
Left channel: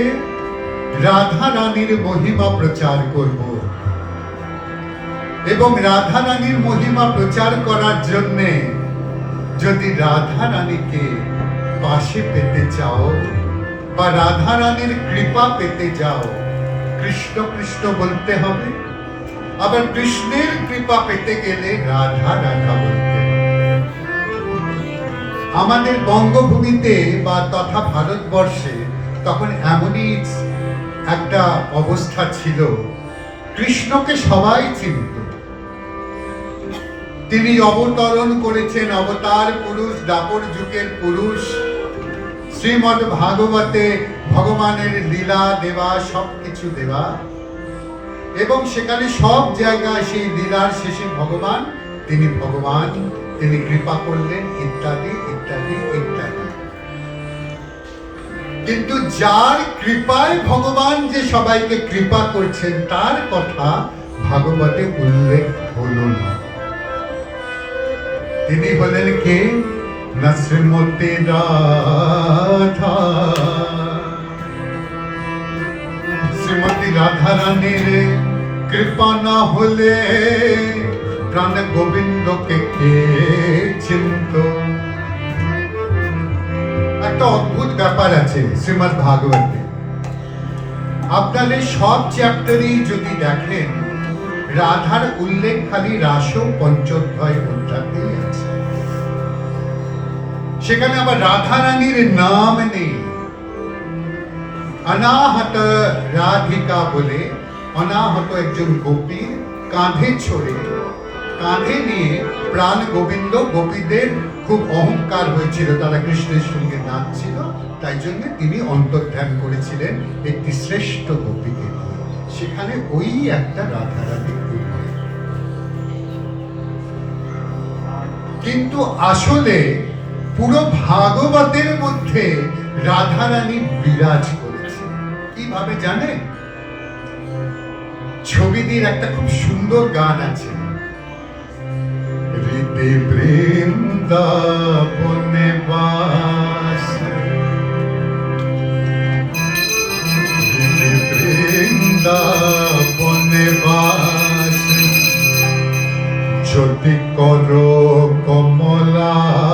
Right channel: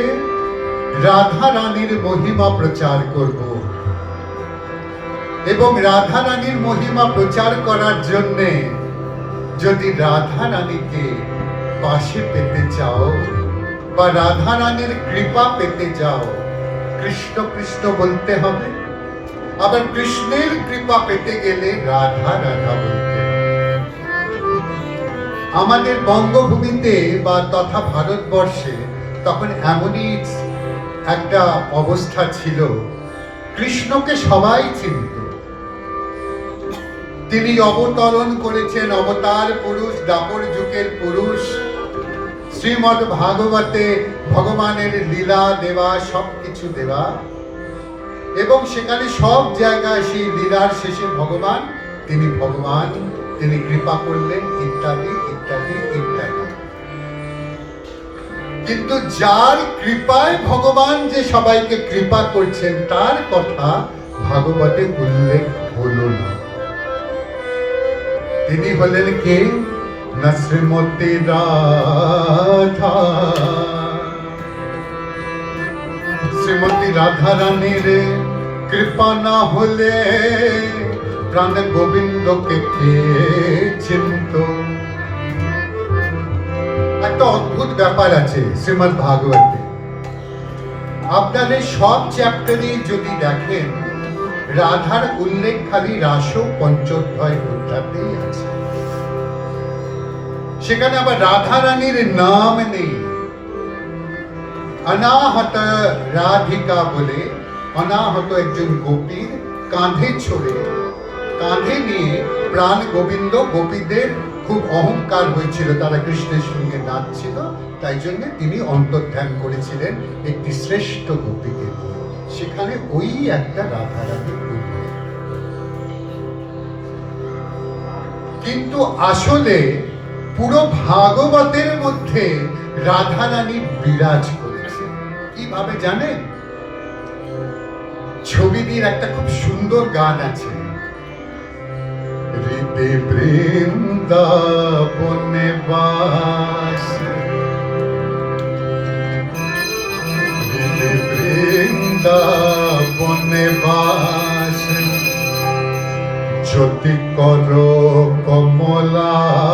রাধা রানীর মহিমা প্রচার করব এবং রাধা রানীর মহিমা প্রচার করার জন্য যদি রাধা রানীকে পাশে পেতে চাও বা রাধা রানীর কৃপা পেতে যাও, কৃষ্ণ কৃষ্ণ বলতে হবে। আবার কৃষ্ণের কৃপা পেতে গেলে রাধা রাধা বলতে হবে। আমাদের বঙ্গভূমিতে বা তথা ভারতবর্ষে তখন এমনই একটা অবস্থা ছিল, কৃষ্ণকে সবাই চিনত। তিনি অবতরণ করেছেন, অবতার পুরুষ, দাপর যুগের পুরুষ। শ্রীমদ্ ভাগবতে ভগবানের লীলা দেওয়া, সবকিছু দেওয়া, এবং সেখানে সব জায়গায় সেই লীলার শেষে ভগবান, তিনি কৃপা করলেন, ইত্যাদি ইত্যাদি ইত্যাদি। কিন্তু যার কৃপায় ভগবান যে সবাইকে কৃপা করছেন তার কথা ভাগবতে উল্লেখ হলো না। তিনি হলেন কে? না শ্রীমতী রাধা। শ্রীমতী রাধা রানীর কৃপা না হলে প্রাণ গোবিন্দকে কে চিনত? একটা অদ্ভুত ব্যাপার আছে শ্রীমদ্ ভাগবতে। আপনাদের সব চ্যাপ্টারই যদি দেখেন, রাধার উল্লেখ খালি রাস পঞ্চোধ্যায় অধ্যাতেই আছে। সেখানে আবার রাধা রানীর নাম নেই। অনাহত রাধিকা বলে অনাহত একজন গোপী কাঁধে নিয়ে প্রাণ গোবিন্দ, গোপীদের খুব অহংকার হয়েছিল, তারা কৃষ্ণের সঙ্গে নাচছিল, তাই জন্য তিনি অন্তর্ধান করেছিলেন একটি শ্রেষ্ঠ গোপীকে। সেখানে ওই একটা রাধা রানীর উল্লেখ। কিন্তু আসলে পুরো ভাগবতের মধ্যে রাধা রানী বিরাজ করেছে। কিভাবে জানেন? ছবিটির একটা খুব সুন্দর গান আছে, হৃদে বৃন্দাবনে বাসে, হৃদে বৃন্দাবনে বাসে, জ্যোতি কর কমলাপতি।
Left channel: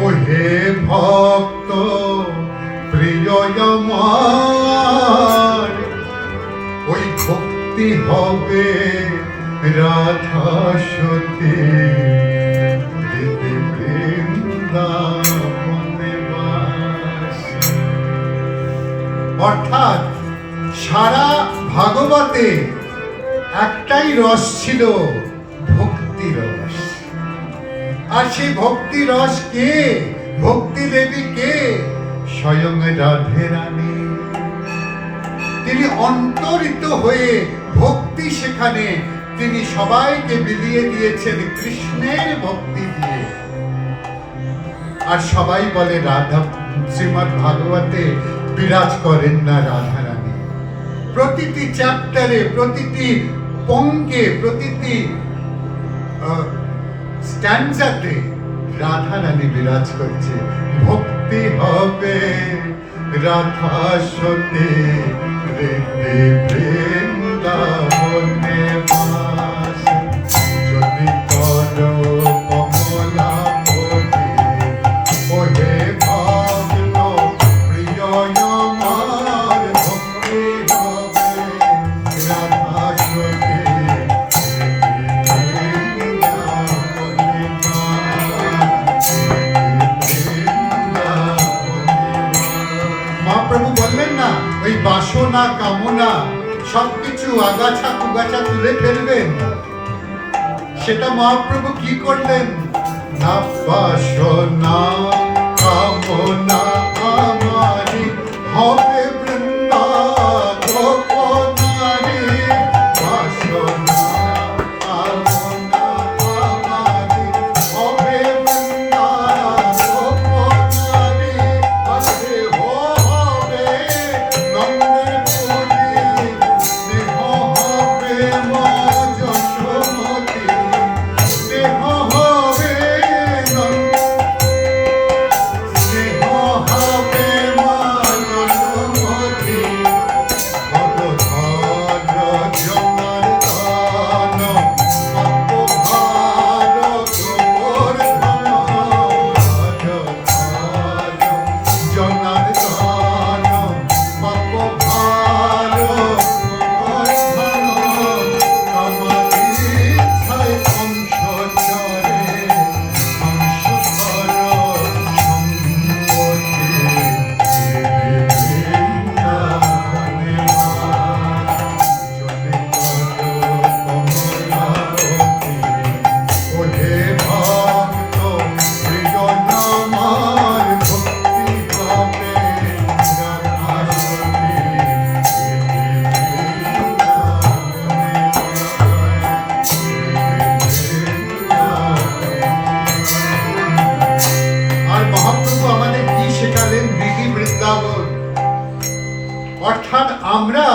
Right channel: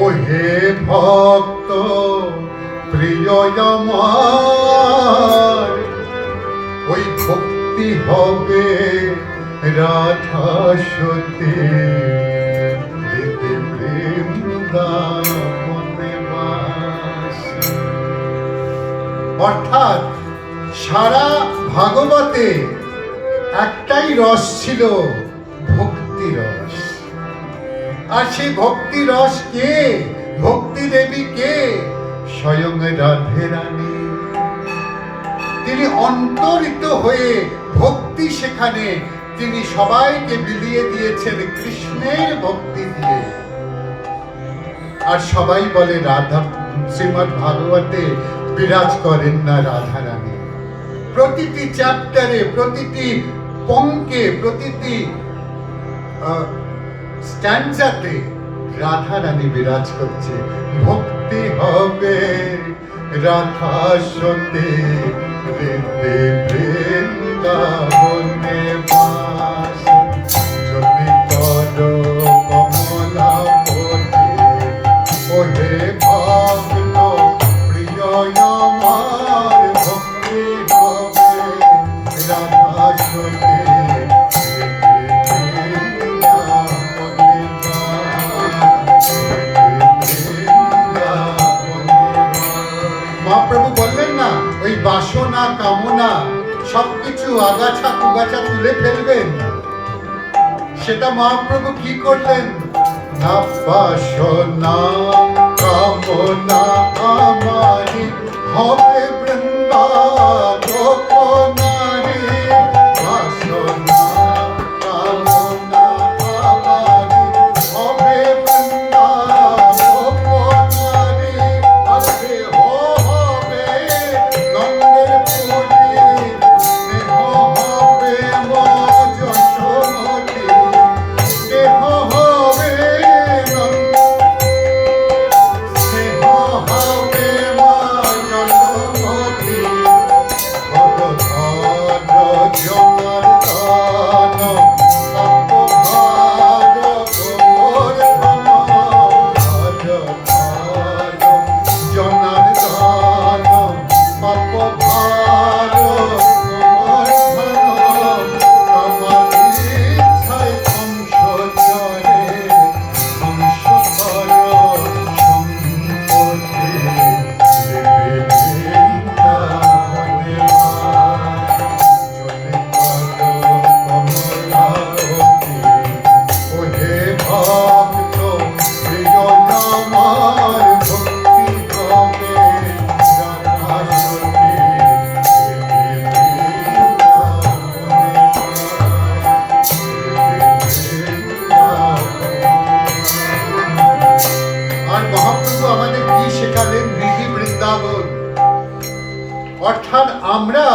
ও হে ভক্ত প্রিয় আমার, ওই ভক্ত ভক্তি হবে রাধা সতী বৃন্দাবনে বাস। অর্থাৎ সারা ভাগবতে একটাই রস ছিল, ভক্তি রস। আর সেই ভক্তি রস কে? ভক্তি দেবী কে? স্বয়ং রাধে রানী। তিনি অন্তরিত হয়ে ভক্তি সেখানে তিনি সবাইকে বিলিয়ে দিয়েছেন কৃষ্ণের ভক্তি দিয়ে। আর সবাই বলে রাধা, শ্রীমদ্ ভাগবতে বিরাজ করেন না রাধা রানী। প্রতিটি চ্যাপ্টারে, প্রতিটি পঙ্কে, প্রতিটি স্ট্যান্ডাতে রাধা রানী বিরাজ করছে। ভক্তি হবে রাধা সতী বৃন্দাবনে বাস। যদি করো কমলাপতি ওহে ভক্ত প্রিয় আমার, ভক্তি হবে রাধা সতী বৃন্দাবনে বাস। মহাপ্রভু বললেন না, ওই বাসনা কামনা সবকিছু আগাছা কুগাছা তুলে ফেলবেন। সেটা মহাপ্রভু কি করলেন? না বাসনা কামনা আমারি হবে বৃন্দাবনারি। বাসনা কামনা আমারি হবে বৃন্দাবনারি। আরে হবে নন্দের পুরী, স্নেহ হবে মা যশোমতী। স্নেহ হবে স্নেহ হবে মা যশোমতী। ভগবান জনার্দন অপভার গোর ধন। জনার্দন অপভার গোর ধন। আমার ইচ্ছায় কংস চরে, কংস ধর সম্পত্তি বৃন্দাবনে বাস। যদি করো কমলাপতি ওহে ভক্ত প্রিয় আমার, ভক্তি হবে রাধা সতী বৃন্দাবনে বাস। আর মহাপ্রভু আমাদের কি শেখালেন? মৃগী বৃন্দাবন। অর্থাৎ আমরা,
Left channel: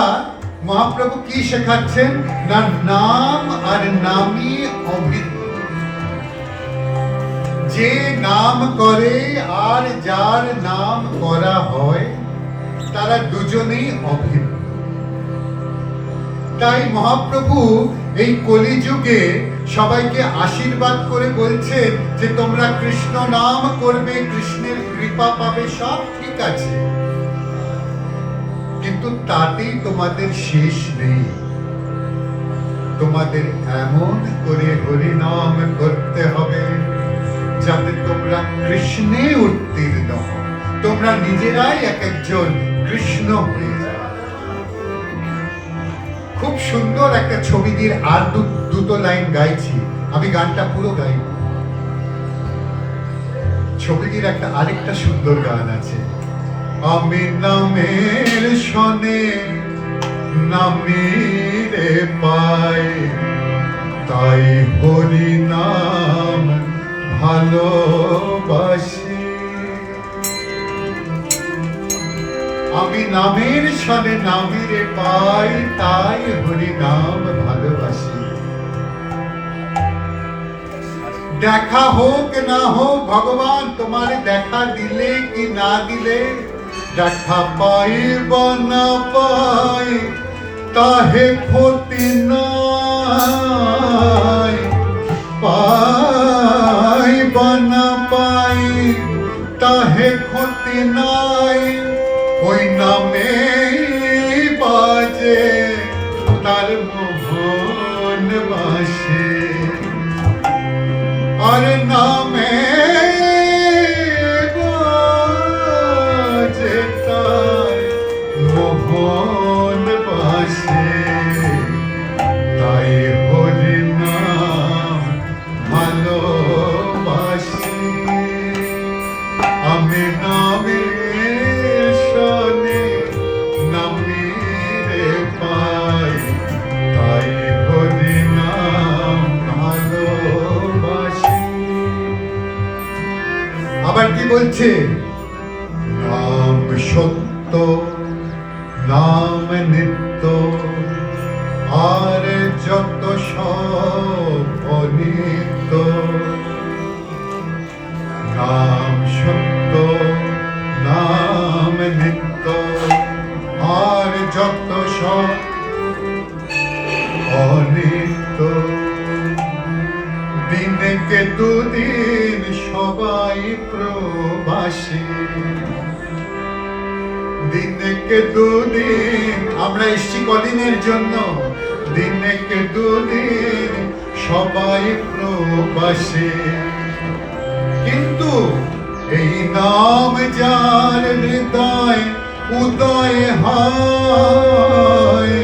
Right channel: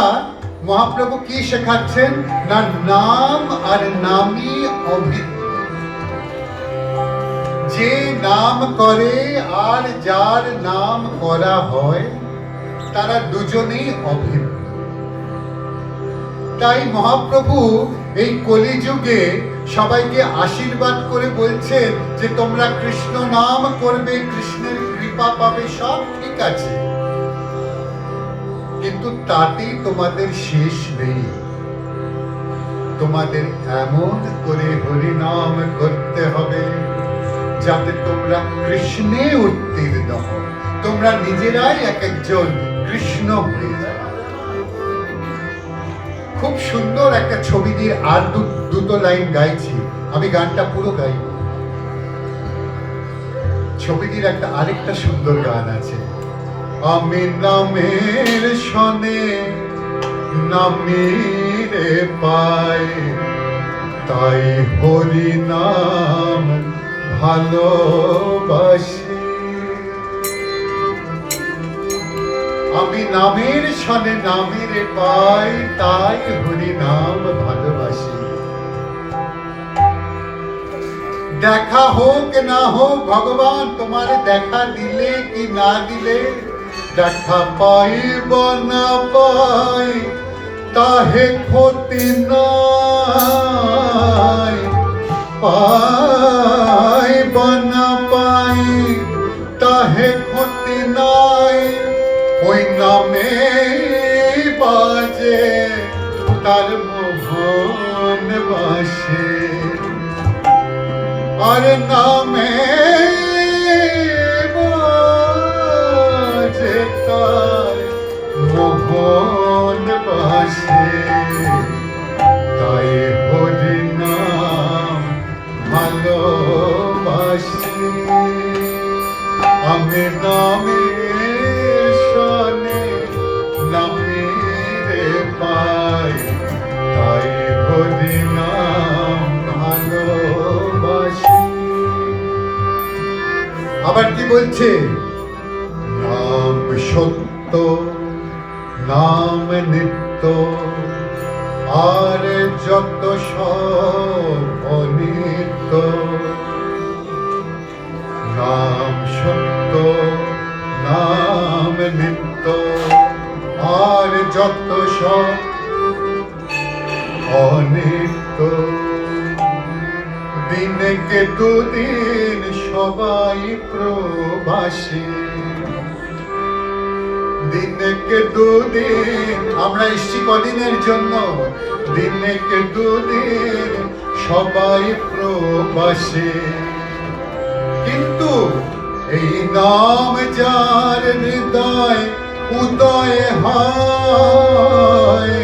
মহাপ্রভু কি শেখাচ্ছেন? না নাম আর নামই অভিন্ন। যে নাম করে আর যার নাম করা হয় তারা দুজনেই অভিন্ন। তাই মহাপ্রভু এই কলিযুগে সবাইকে আশীর্বাদ করে বলছেন যে তোমরা কৃষ্ণ নাম করবে, কৃষ্ণের কৃপা পাবে, সব ঠিক আছে, কিন্তু তাতেই তোমাদের শেষ নেই। তোমাদের এমন করে হরি নাম করতে হবে যাতে তোমরা কৃষ্ণে উত্তীর্ণ হও, তোমরা নিজেরাই এক একজন কৃষ্ণ হয়ে যাও। খুব সুন্দর একটা ছবি দিয়ে আর দুটো লাইন গাইছি, আমি গানটা পুরো গাইব। ছবিটির একটা আরেকটা সুন্দর গান আছে। আমি নামের শনে নামিরে পাই, তাই হরি নাম ভালোবাসি। আমি নামের শনে নামিরে পাই, তাই হরি নাম ভালোবাসি। দেখা হোক না হোক ভগবান তোমার দেখা দিলে কি না দিলে, দেখা পাইব না পাই তাহে ক্ষতি নাই। পাইব না পাই তাহে ক্ষতি নাই, ওই নামে বাজে তার মোহন বাসে আর নামে বাজে তার মোহন বাসে তাই হরি নাম ভালোবাসি আমি নামের সনে নামের পাই তাই হরি নাম ভালোবাসি। আবার কি বলছে? নাম সত্য, নাম নিত্য, আর যত সব অনিত্য। নাম সত্য, নাম নিত্য, আর যত সব অনিত্য। দিনকে দুদিন সবাই প্রবাসী, দিনকে দুদিন আমরা এসছি কদিনের জন্য? দিনকে দুদিন সবাই প্রবাসী, কিন্তু এই নাম যার হৃদয় উদয় হয়,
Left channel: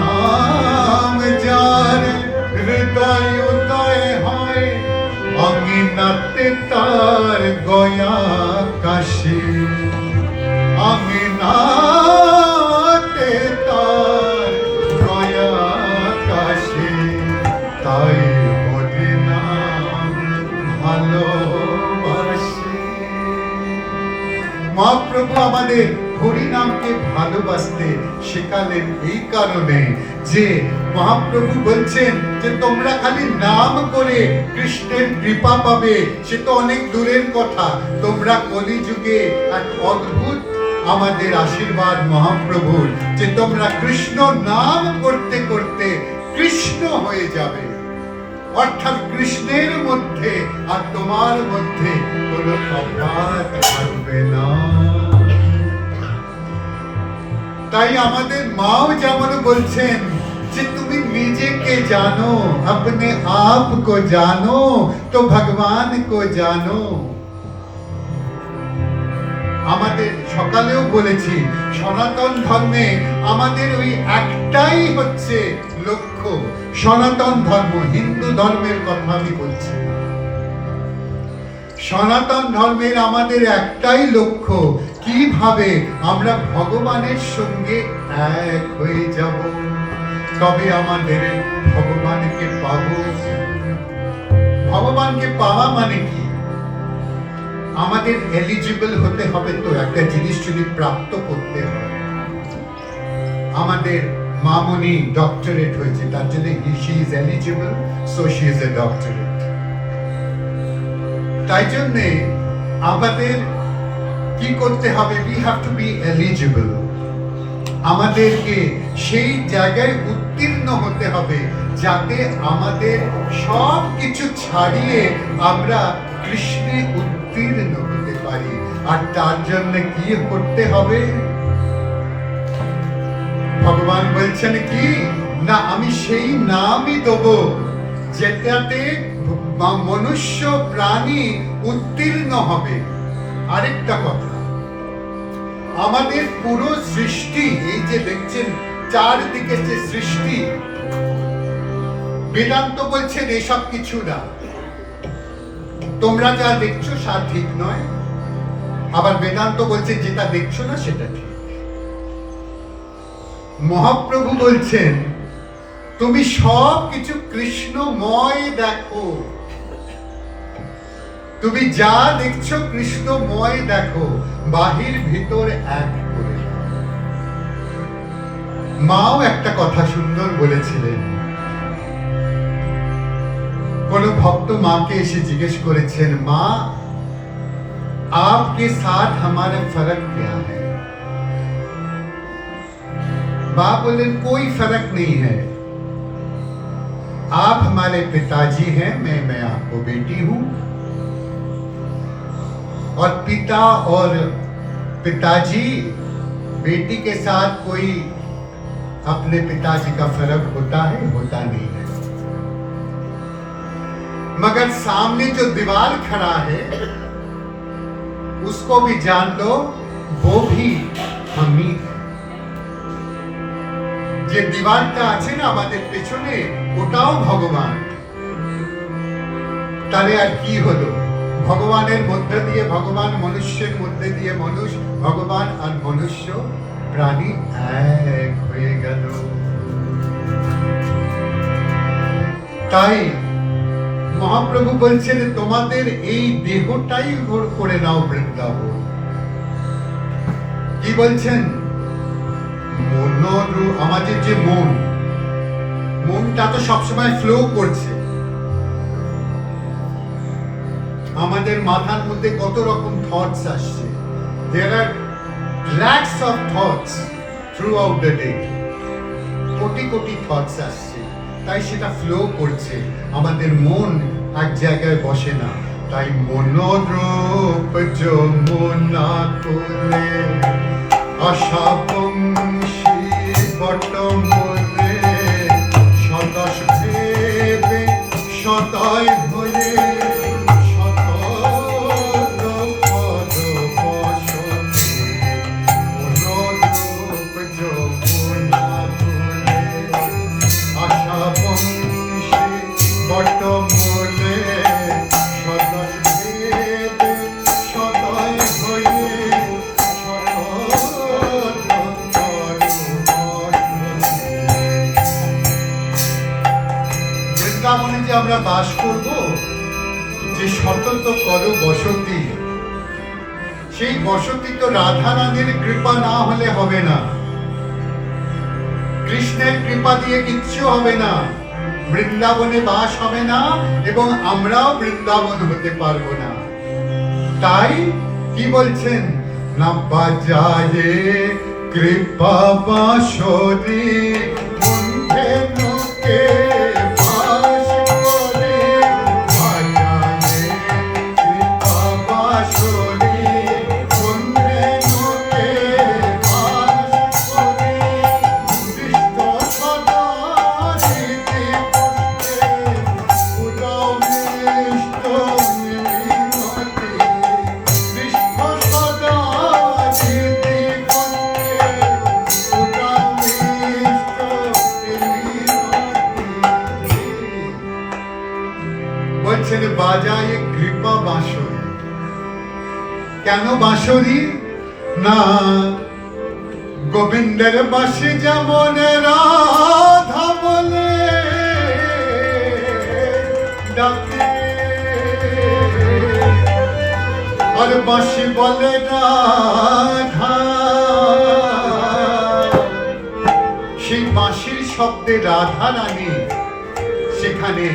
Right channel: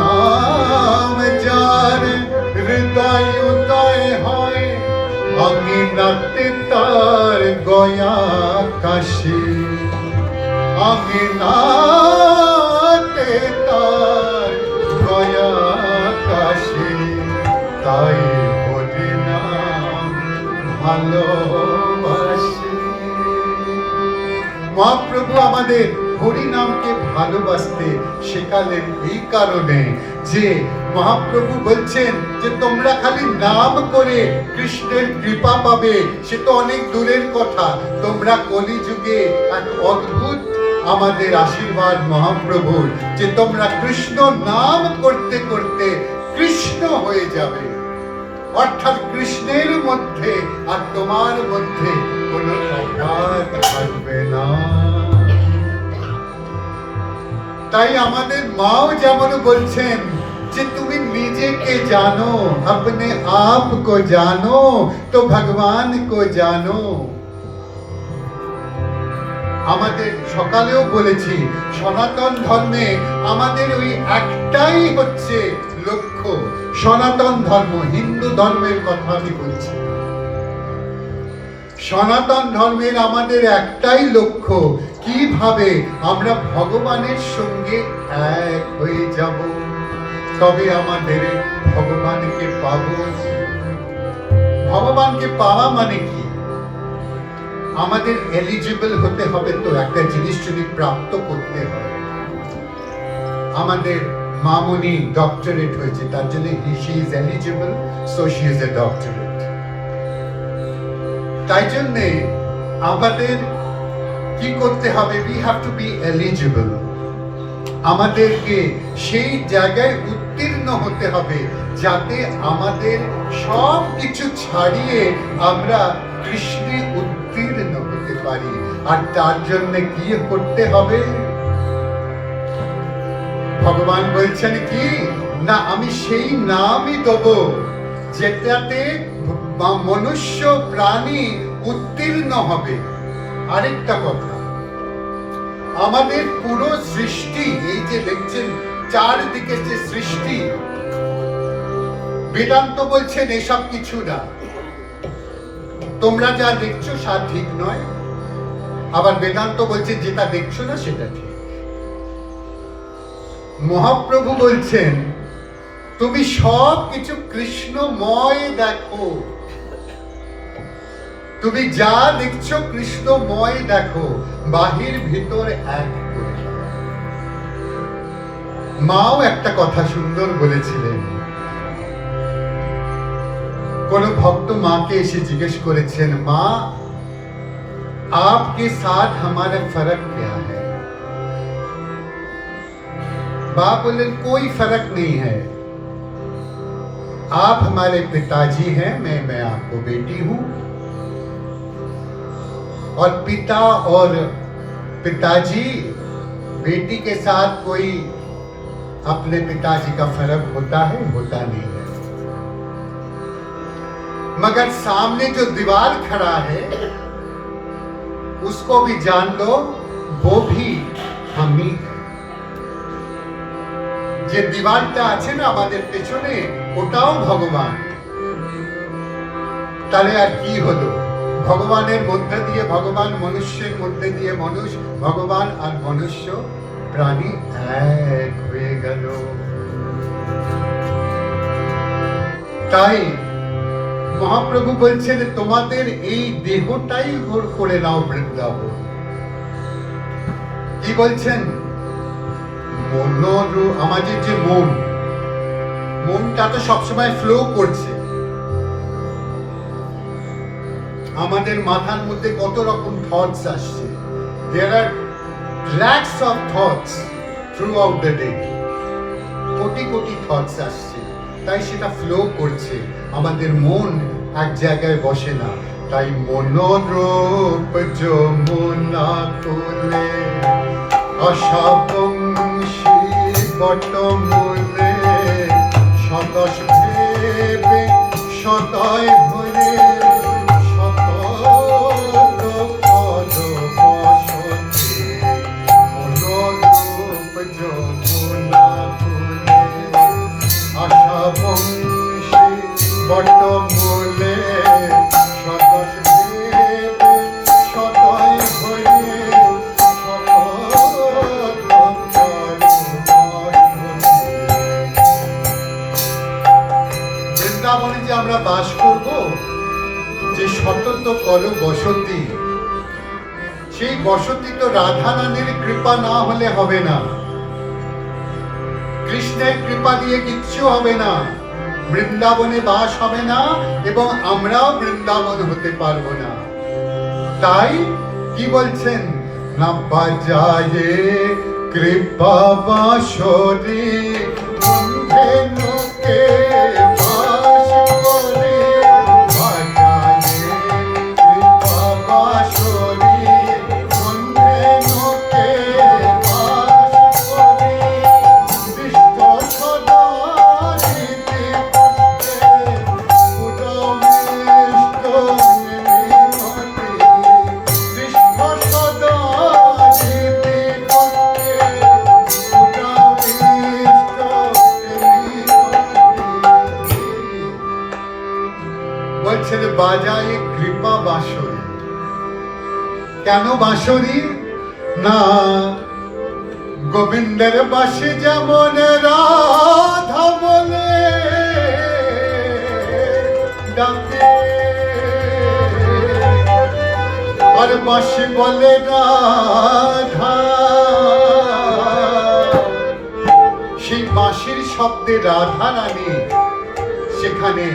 নাম যার হৃদয় উদয় হয়, আঙিনাতে তার গয়া কাশি, আঙিনাতে তার গয়া কাশি। তাই হরি নাম ভালোবাসি। মহাপ্রভু আমাদের হরি নামকে ভালোবাসতে শেখালেন এই কারণে যে মহাপ্রভু বলছেন যে তোমরা খালি নাম করে কৃষ্ণের কৃপা পাবে, সে তো অনেক দূরের কথা। তোমরা কলিযুগে এক অদ্ভুত আমাদের আশীর্বাদ মহাপ্রভুর, যে তোমরা কৃষ্ণ নাম করতে করতে কৃষ্ণ হয়ে যাবে, অর্থাৎ কৃষ্ণের মধ্যে আর তোমার মধ্যে কোনো তফাৎ থাকবে না। তাই আমাদের মাও যেমন বলছেন যে তুমি নিজেকে জানো, अपने आप को जानो तो भगवान को जानो। আমাদের সকালেও বলেছি সনাতন ধর্মে আমাদের ওই একটাই হচ্ছে লক্ষ্য। সনাতন ধর্ম, হিন্দু ধর্মের কথা আমি বলছি। সনাতন ধর্মের আমাদের একটাই লক্ষ্য, কিভাবে আমরা ভগবানের সঙ্গে এক হয়ে যাব, তবে আমাদের ভগবানকে পাবো। ভগবানকে পাওয়া মানে কি? আমাদের এলিজিবল হতে হবে, তো একটা জিনিস যদি প্রাপ্ত করতে হয়। আমাদের মামুনি ডক্টরেট হয়েছে, তার জন্য she is eligible, so she is a doctorate. তাই জন্যে আমাদের কি করতে হবে? We have to be eligible. আমাদেরকে সেই জায়গায় উত্তীর্ণ হতে হবে যাতে আমাদের সব কিছু ছাড়িয়ে আমরা কৃষ্ণে উত্তীর্ণ হতে পারি। আর তার জন্য কি করতে হবে? ভগবান বলছেন কি না, আমি সেই নামই দেব যেটাতে মনুষ্য প্রাণী উত্তীর্ণ হবে। আরেকটা কথা, আমাদের পুরো সৃষ্টি, এই যে দেখছেন চারদিকে যে সৃষ্টি, বেদান্ত বলছেন এসব কিছু না, তোমরা যা দেখছো তা ঠিক নয়। আবার বেদান্ত বলছে যেটা দেখছো না সেটা ঠিক। মহাপ্রভু বলছেন তুমি সব কিছু কৃষ্ণময় দেখো, তুমি যা দেখছো কৃষ্ণময় দেখো, বাহির ভিতর এক করে। মাও একটা কথা সুন্দর বলেছিলেন। কোন ভক্ত মাকে এসে জিজ্ঞেস করেছেন, মা आपके साथ हमारा फर्क क्या है? बाप बोले कोई फर्क नहीं है, आप हमारे पिताजी हैं, मैं आपको बेटी हूं, और पिता और पिताजी बेटी के साथ कोई अपने पिताजी का फर्क होता है, होता नहीं है। मगर सामने जो दीवार खड़ा है उसको भी जान लो, वो भी हम ही है। যে দীবারটা আছে না আমাদের পেছনে, ওটাও ভগবান। তাহলে আর কি হলো? ভগবানের মধ্যে দিয়ে ভগবান, মনুষ্যের মধ্যে দিয়ে মানুষ, ভগবান আর মনুষ্য প্রাণী এক হয়ে গেল। তাই মহাপ্রভু বলছেন তোমাদের এই দেহটাই করে নাও বৃন্দাবন। কি বলছেন? আমাদের যে মনটা তো সবসময় ফ্লো করছে। আমাদের মাথার মধ্যে কত রকম থটস আসছে। There are lakhs of thoughts throughout the day. Crore crore thoughts আসছে, তাই সেটা ফ্লো করছে। আমাদের মন এক জায়গায় বসে না। তাই মনোরূপ যমুনা করে আশাবংশী বটমূলে সদস ভেবে সদয় ভরে আমরা বাস করব, যে সতত করো বসতি, সেই বসতি তো রাধা রানীর কৃপা না হলে হবে না। কৃষ্ণের কৃপা দিয়ে কিচ্ছু হবে না। বৃন্দাবনে বাস হবে না এবং আমরাও বৃন্দাবন হতে পারবো না। তাই কি বলছেন? না বাজায়ে কৃপা বাঁশরি বন্ধে নোকে বাজায় কৃপা বাঁশরি। কেন বাঁশরি? না গোবিন্দের বাসে যেমন রাধা বলে ডাকে, আর বাঁশি বলে রাধা। সেই বাঁশির শব্দে রাধা রানী সেখানে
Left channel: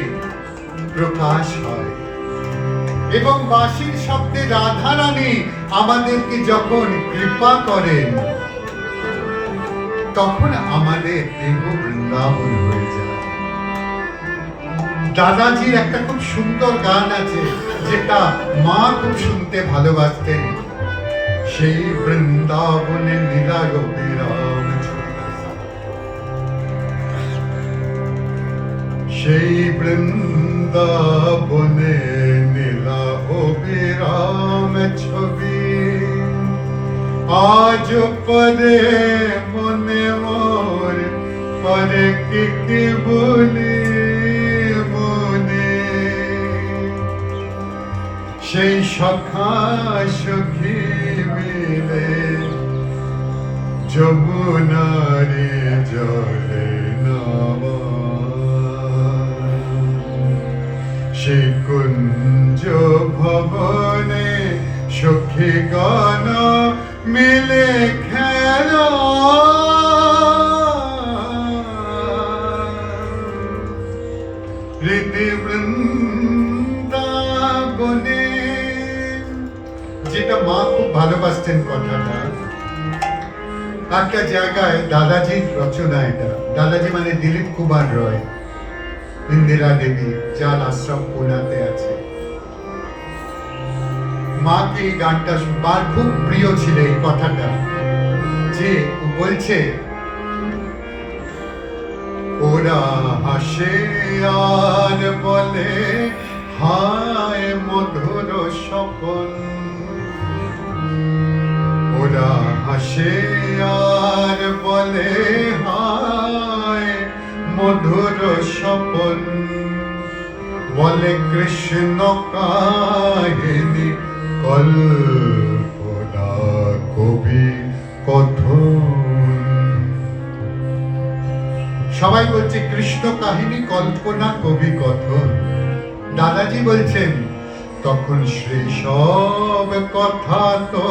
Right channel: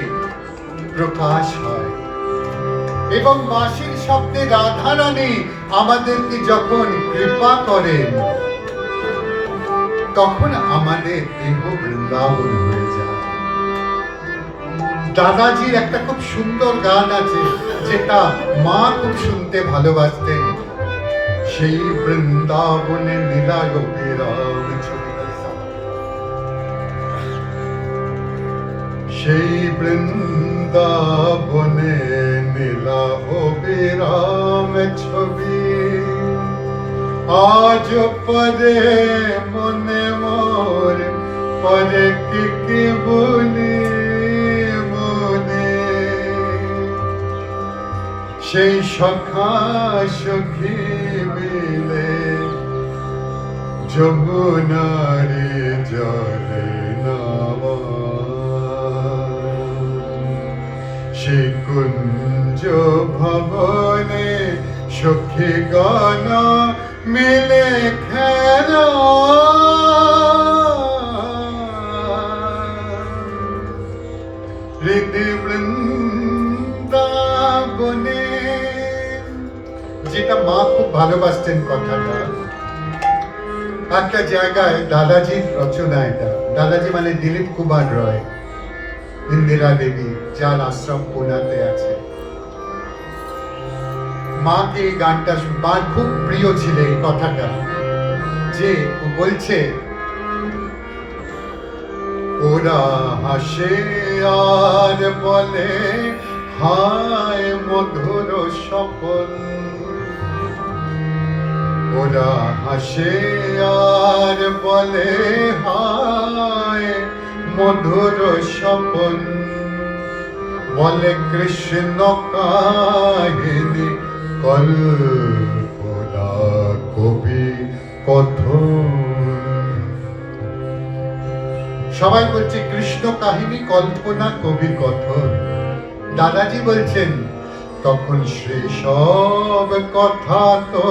প্রকাশ হয় এবং বাঁশির শব্দে রাধা রানী আমাদেরকে যখন কৃপা করেন, তখন আমাদের দেহ বৃন্দাবন হয়ে যায়। দাদাজির একটা খুব সুন্দর গান আছে, যেটা মা খুব শুনতে ভালোবাসতেন। সেই বৃন্দাবনে লীলা গোপীরাম, সেই বৃন্দাবনে নীলা অবিরাম ছবি, আজ পরে মনে মোর পরে কি বলি মনে। সেই সখা সখী মিলে যমুনারে জলে নাওয়া, সেই কুঞ্জ ভবনে সখী গান মিলে খেলা। হৃদি বৃন্দাবনে, যেটা মা খুব ভালোবাসতেন কথাটা। একটা জায়গায় দাদাজির রচনা এটা। দাদাজি মানে দিলীপ কুমার রয়, ইন্দিরা দেবী, যার আশ্রম পুনাতে আছে। মাকে এই গানটা মার খুব প্রিয় ছিল এই কথাটা, যে বলছে ওরা হাসে আর বলে হায় মধুর স্বপন, ওরা হাসে আর বলে হায় মধুর স্বপন, বলে কৃষ্ণ কাহিনী কল্পনা কবি কথন। সবাই বলছে কৃষ্ণ কাহিনী কল্পনা কবি কথন। দাদাজি বলছেন তখন সেসব কথা তো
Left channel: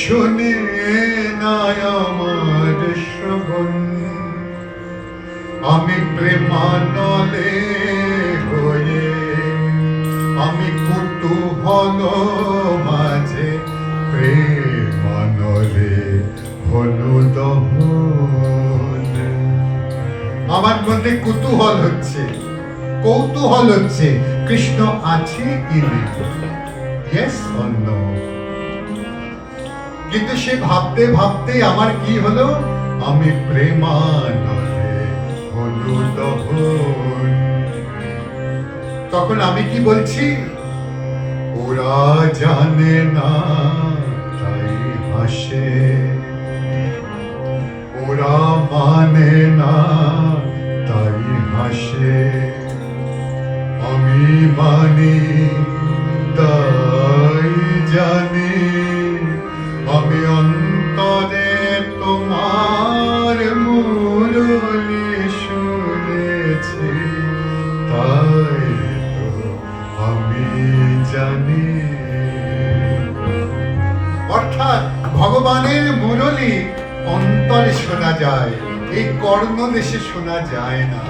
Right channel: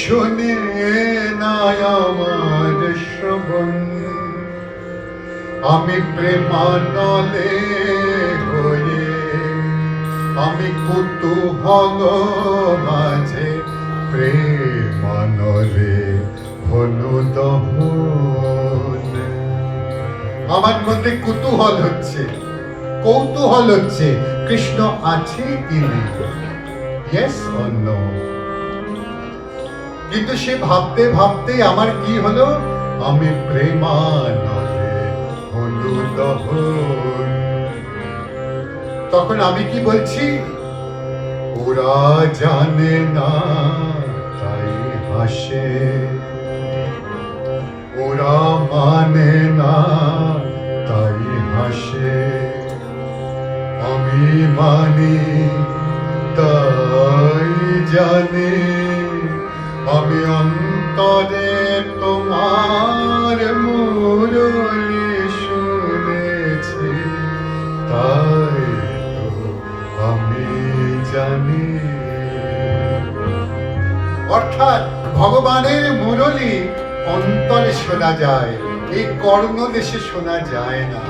শুনে নাই আমার শ্রবণ, আমি প্রেমানলে হয়ে আমি কুতূহল মাঝে প্রেমানলে হলো দহন। আমার মধ্যে কুতূহল হচ্ছে, কৌতূহল হচ্ছে, কৃষ্ণ আছে কি নেই, ইয়েস অর নো। কিন্তু সে ভাবতে ভাবতে আমার কি হলো, আমি প্রেমানলে হলো দহন। তখন আমি কি বলছি, ওরা জানে না তাই হাসে, ওরা মানে না তাই হাসে, আমি মানি তাই জানি, আমি অন্তরে তোমার মুরলি শুনেছি, তাই তো আমি জানি। অর্থাৎ ভগবানের মুরলি অন্তরে শোনা যায়, এই কর্ণদেশে শোনা যায় না।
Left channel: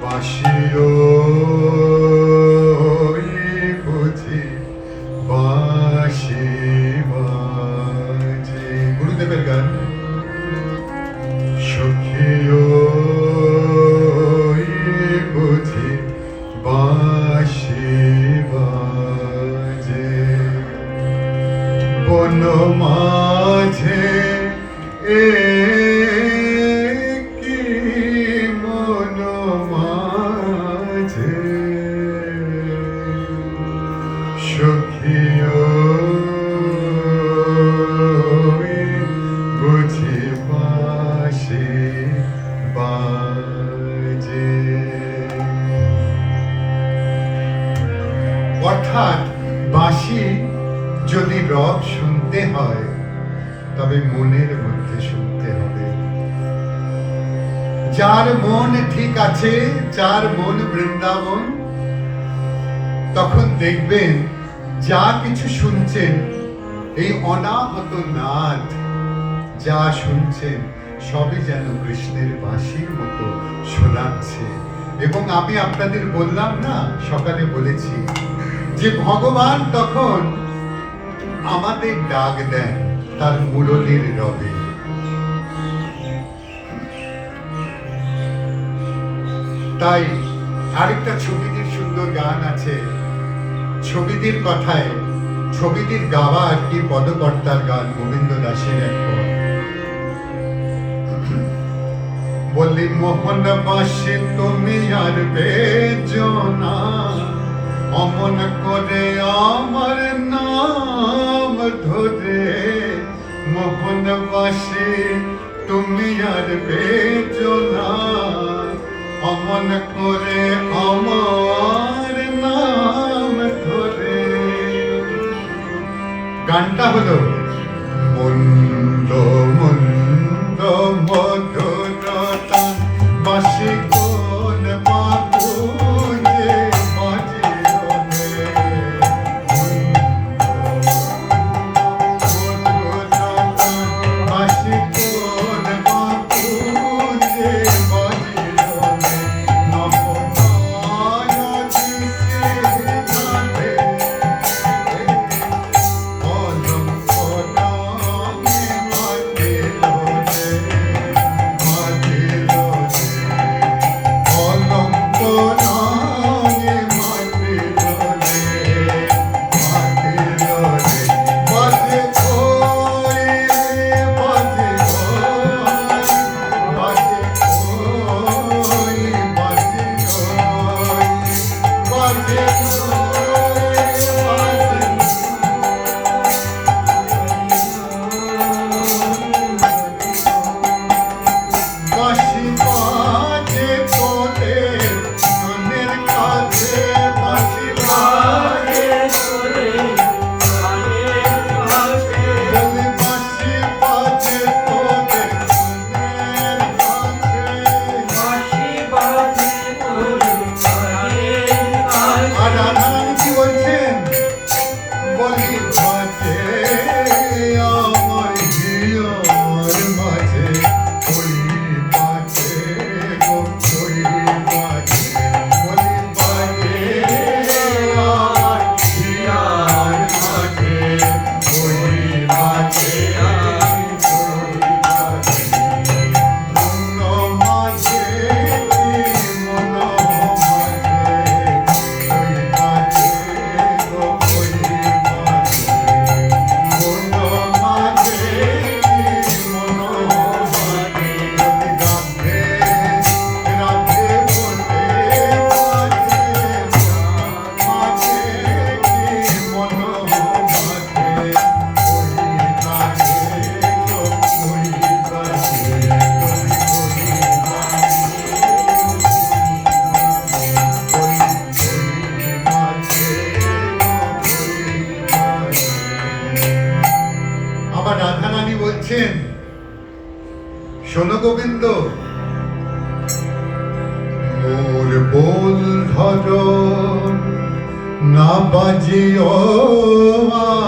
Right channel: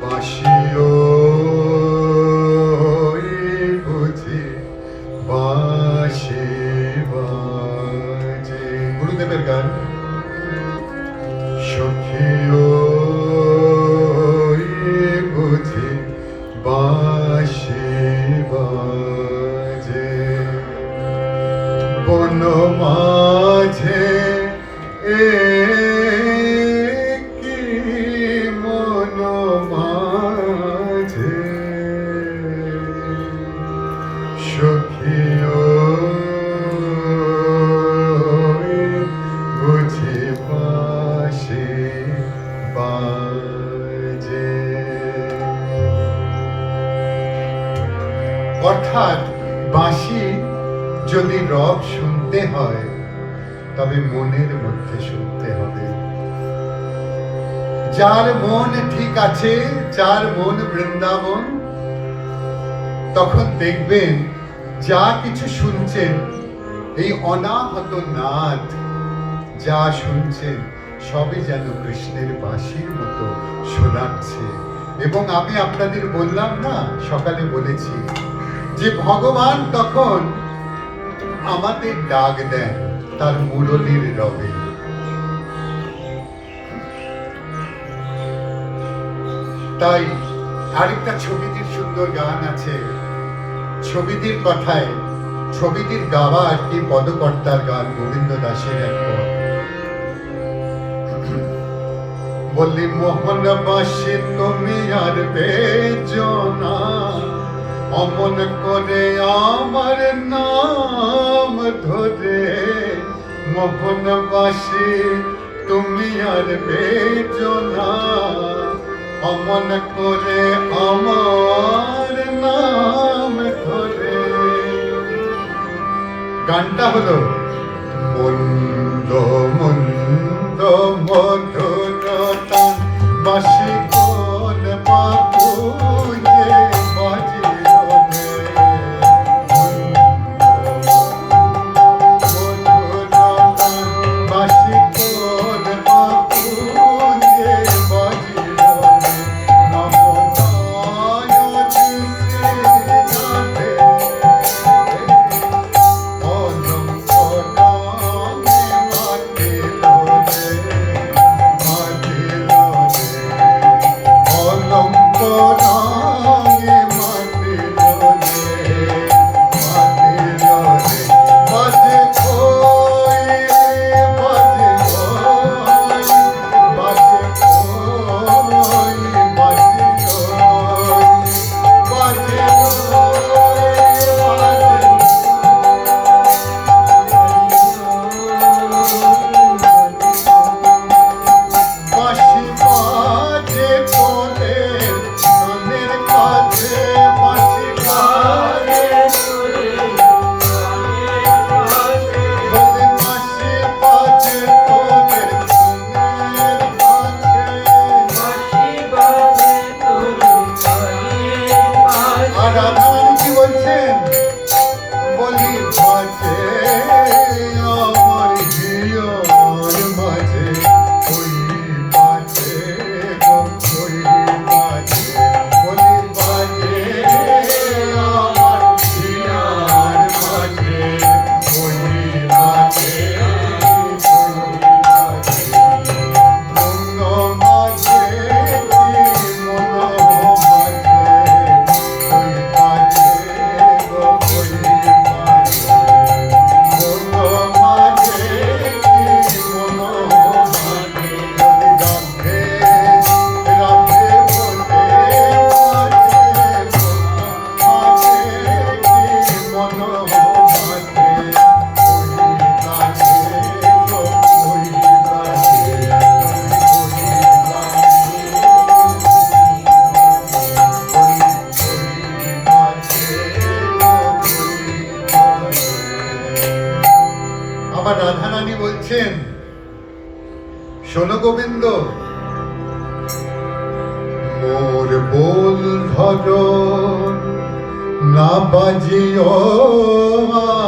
বাঁশিও বুঝি বাঁশি বাজে, গুরুদেবের গান। সখিও বুঝি বাঁশি বাজে, বন মাঝে কি মন মাঝে, সখিও বুঝি বাঁশি বাজে। অর্থাৎ বাঁশি যদি রব শুনতে হয় তবে মনের মধ্যে শুনতে হবে। যার মন ঠিক আছে, যার মন বৃন্দাবন, তখন দেখবেন যা কিছু শুনছেন এই অনাহত নাদ যা শুনছেন সবই যেন কৃষ্ণের বাঁশির মতো শোনাচ্ছে। এবং আমি আপনাদের বললাম না, সকালে বলেছি যে ভগবান তখন আমাদের ডাক দেন তার মুরলির রবে। তাই আরেকটা ছবিটির সুন্দর গান আছে, ছবিটির কথায়, ছবিটির গাওয়া আর কি পদকর্তার গান, গোবিন্দ দাসের এক পদ। বললি মোহন বাসি তুমি আর বেজনা, অমন করে আমার নাম ধরে, মোহন বাসি তুমি আর বেজনা, অমন করে আমার নাম ধরে। গানটা হলো মন্দ মন্দ মধুরতা বাসি কোন বাপুরে বাজিরনে, মধুরতা বাসি কোন বাপুরে বাজিরনে, নবমায়া দিতে যাবে অলঙ্করণে মাটিরনে। আমার রাধারানী বলছেন, শোনো গোবিন্দ, মোর বোল ধরো না বাজিও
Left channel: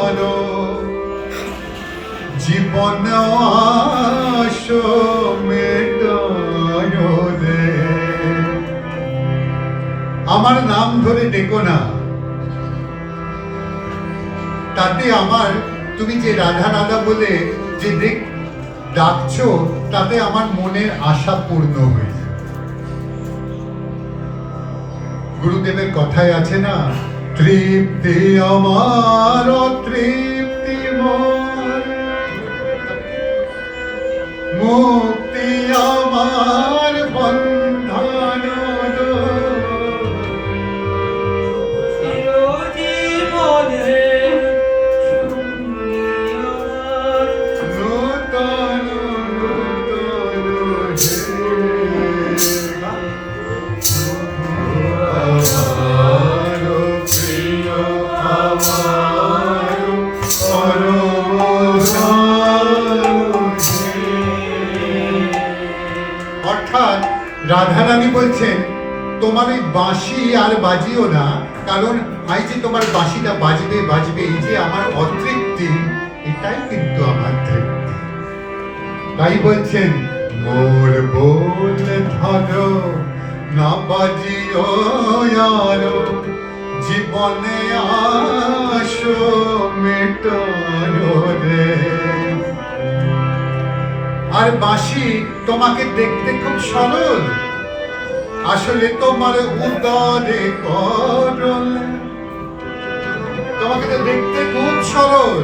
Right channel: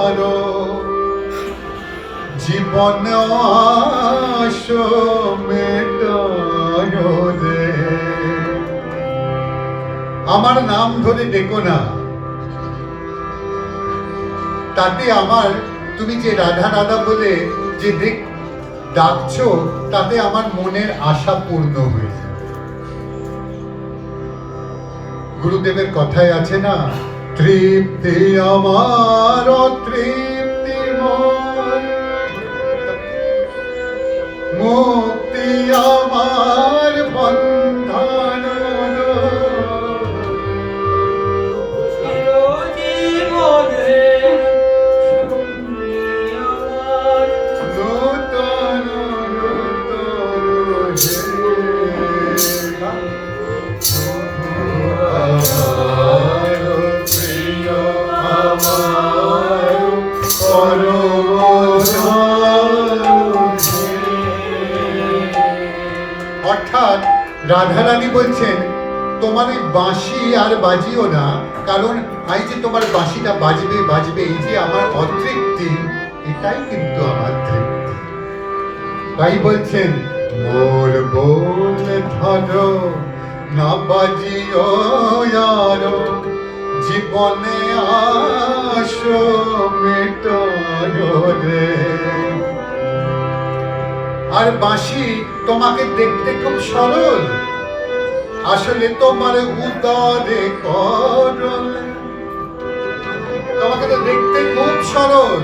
আরো, জীবন আশো মেটানো রে। আমার নাম ধরে ডেকো না, তাতে আমার, তুমি যে রাধা রাধা বলে যে ডাকছো, তাতে আমার মনের আশা পূর্ণ হয়ে যায়। গুরুদেবের কথায় আছে না, তৃপ্তি আমার তৃপ্তি মোর, মুক্তি আমার বন্ধন, নূতন নূতন অর্থাৎ রাধারানী বলছেন, তোমার এই বাঁশি আর বাজিও না, কারণ এই যে তোমার বাঁশিটা বাজবে বাজবে, এই যে আমার অতৃপ্তি, এটাই কিন্তু আমার তৃপ্তি। তাই বলছেন, মোর বোল ধরো না বাজিও আরো, জীবনে আশো মেটানো রে। আর বাঁশি তোমাকে দেখতে খুব সরল, আসলে তোমার উদরে করল। তোমাকে তো দেখতে খুব সরল,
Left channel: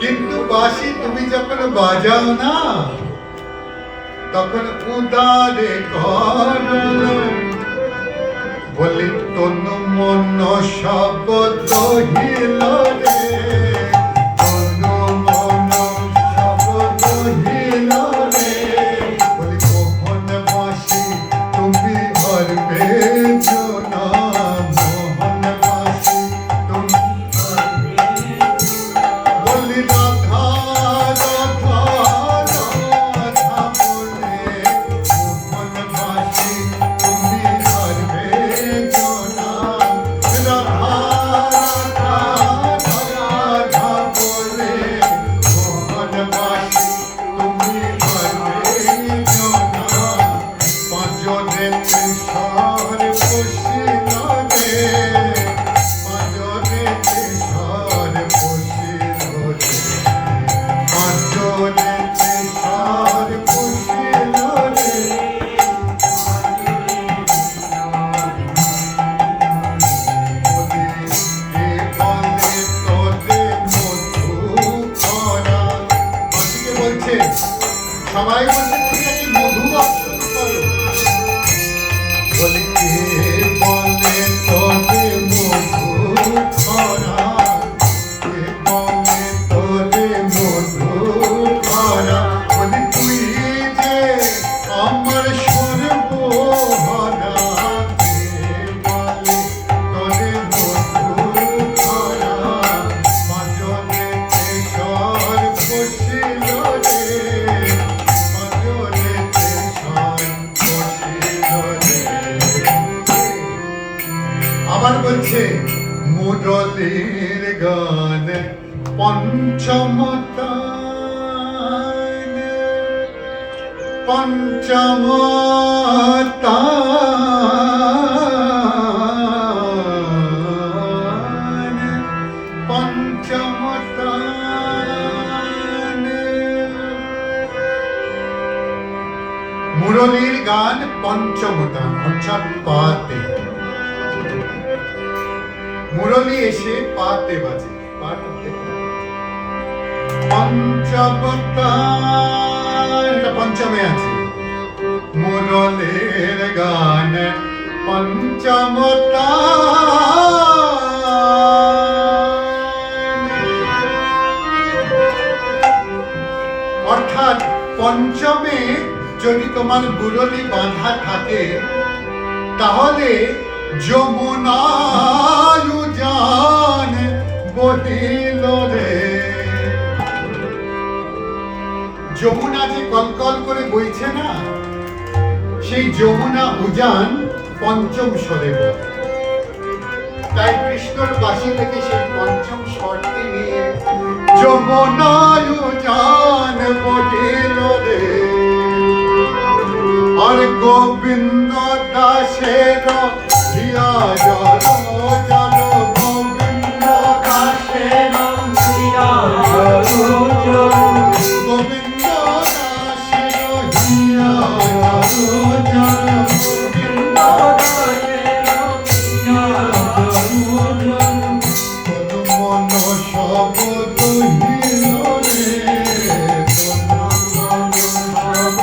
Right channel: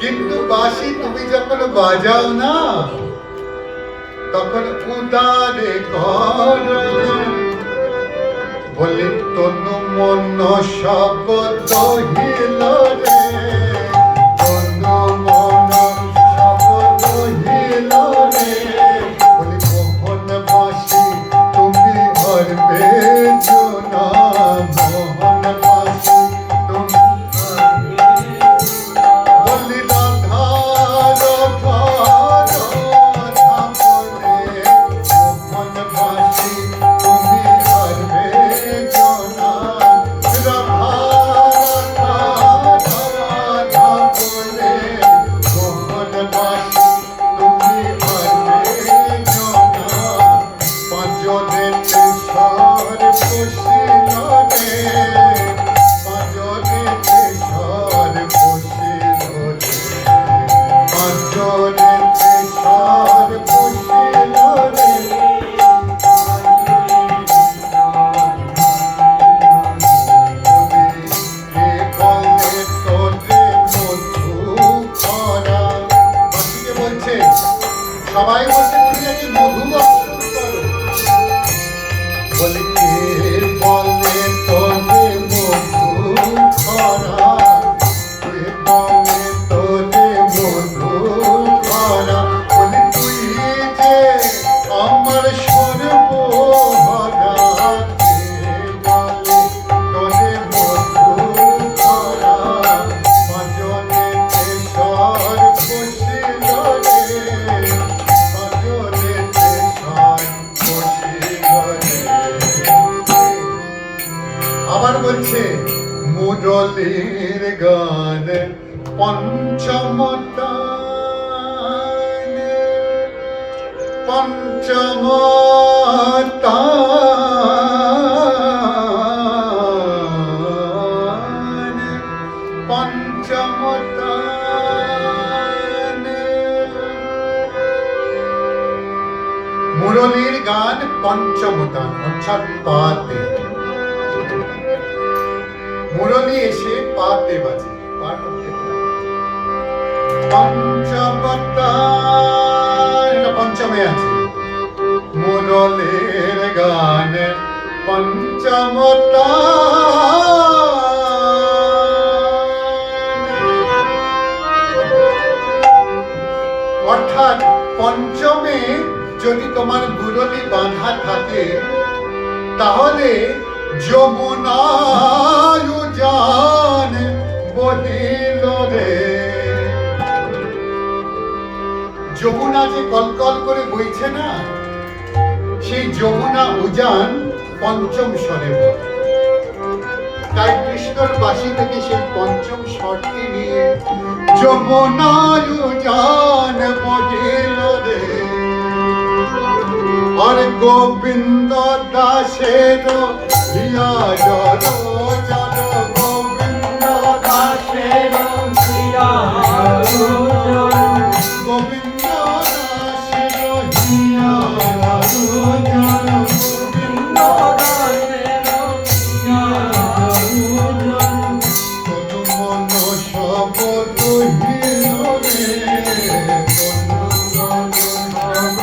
কিন্তু বাঁশি তুমি যখন বাজাও না, তখন উদারে করল। বলে তনু মন শব্দ হিল রে, তনু মন শব্দ হিল রে। বলে মোহন বাঁশি তুমি হরবে জোনা, মোহন বাঁশি তুমি হরবে। বলি রাধা রাধা রাধা বলে, মোহন বাঁশি তুমি হরবে জোনা, রাধা রাধা রাধা বলে, মোহন বাঁশি তুমি হরবে জোনা। পাঁচজনেতে সর বসিল রে, পাঁচজনেতে সর বসিল রে, পাঁচজনেতে সর বসিল রে। কে বলে তোরে মধু ভরা, বাঁশিকে বলছে, সবাই বলছে তুমি নাকি মধু বর্ষণ করো। বলে কে বলে তোরে মধু ভরা, কে বলে তোরে মধু ভরা। বলি তুই যে আমার সর্বহরা, কে বলে তোরে মধু ভরা। পাঁচজনেতে সর বসিল রে, পাঁচজনেতে সর বসিল রে। আবার বলছে, মুরলীর গান পঞ্চম তান, পঞ্চম তান, পঞ্চম তান। মুরলীর গান পঞ্চম তান, অর্থাৎ পাতে। মুরলী এসে পাতে বাজে, পঞ্চবতার, এটা পঞ্চমে আছে। মুরলীর গান পঞ্চমতার, অর্থাৎ পঞ্চমে যদি তোমার মুরলী বাঁধা থাকে, তাহলে যমুনার উজান বহিল রে। যমুনা যে কলকল করে বইছে না, সেই যমুনা উজান পঞ্চম স্বরে বলে। তাই কৃষ্ণর বাঁশি থেকে সেই পঞ্চম স্বরটি নিয়ে যমুনা উজান বহিল রে, আর গোবিন্দ দাসের হিয়া জল জল, গোবিন্দ দাসের হিয়া জল জল, গোবিন্দ দাসের হিয়া জল জল, গোবিন্দ দাসের হিয়া জল জল, তনু মন সব দহিল রে, তনু মন সব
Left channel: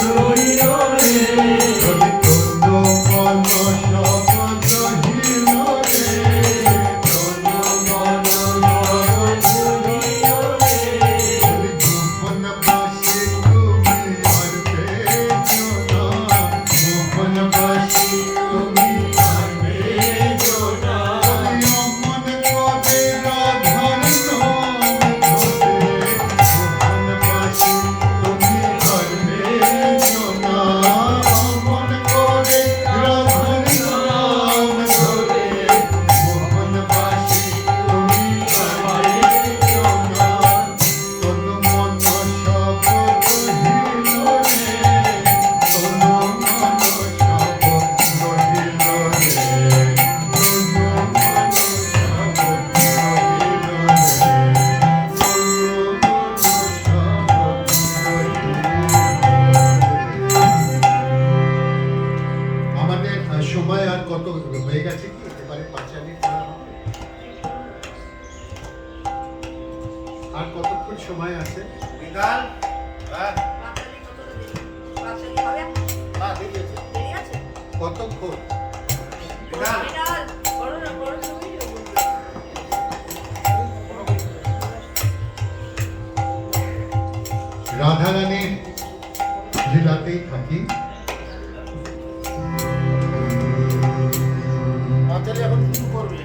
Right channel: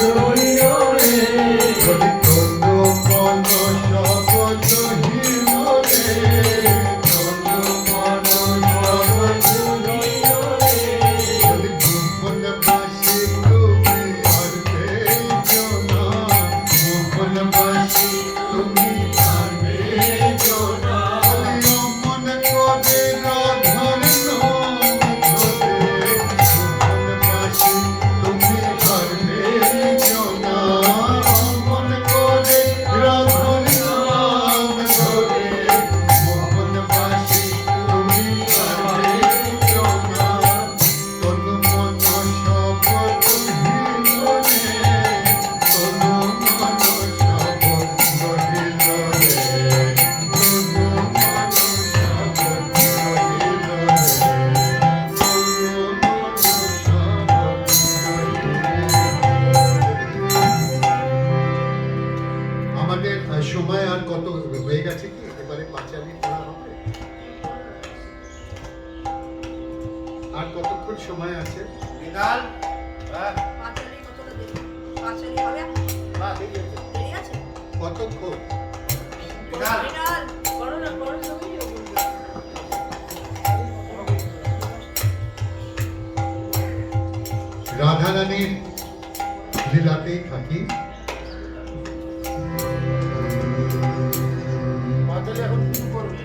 দহিল রে, তনু মন সব দহিল রে, তনু মন সব দহিল রে, ভুবন বাসী তুমি আর পেছো না, ভুবন বাসী তুমি আর পেছো না, অমন করে রাধার নাম ধরে, ভুবন বাসী তুমি আর পেছো না, অমন করে রাধার নাম ধরে, ভুবন বাসী তুমি আর পেছো না, তনু মন সব দহিল রে, তনু মন সব দহিল রে, তনু মন সব দহিল রে, তনু মন সব দহিল রে। আমাদের সময় আর কত হয়ে গেছে কি? এবারে পাঁচালি করা হবে? আর কতক্ষণ সময় আছে? বিকাল কতক্ষণ? বিকাল রাধারানীর লীলাতেই থাকি। পাঁচালি এখন শুরু করবে।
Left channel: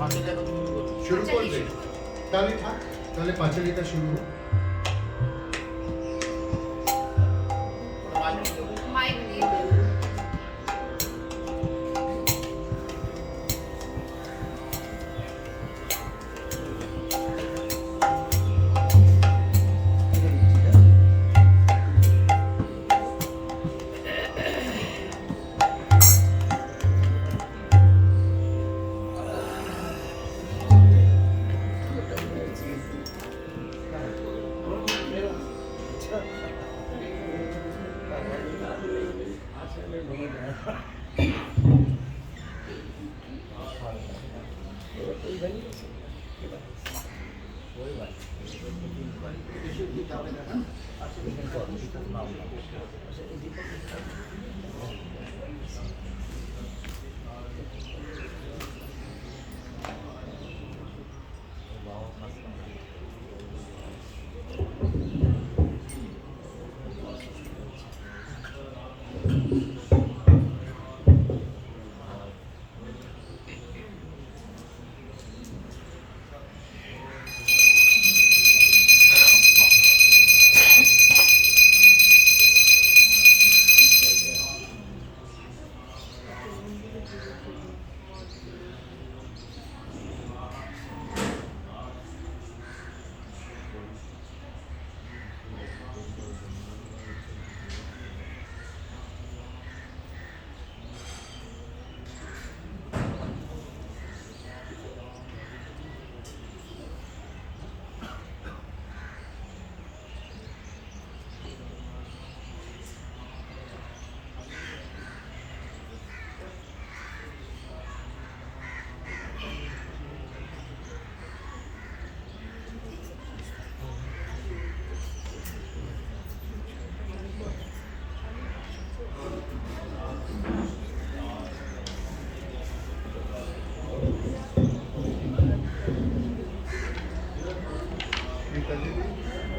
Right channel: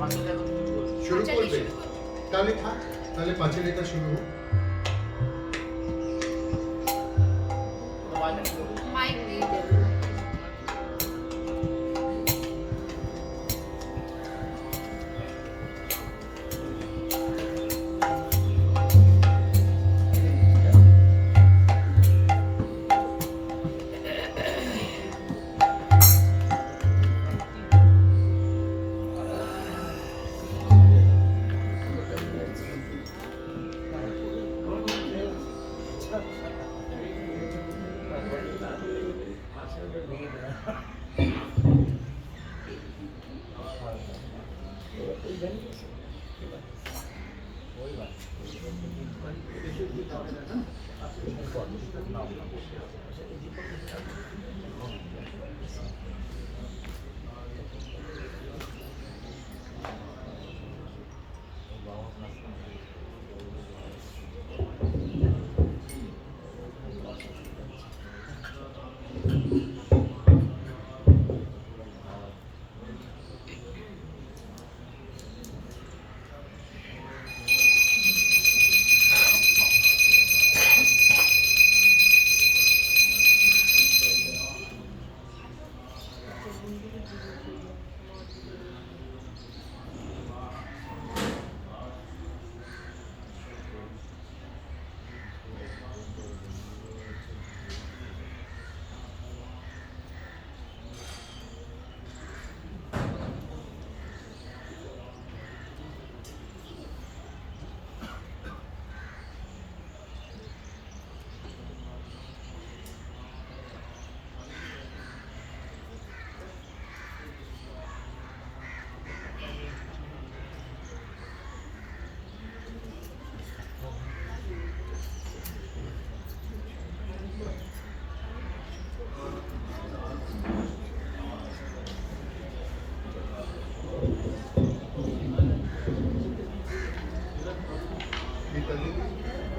পাঁচালি এখন শুরু করবে। শুরু করবে? তাহলে থাক, তাহলে পাঁচালিটা শুরু হোক। মাইক দিয়ে দেন।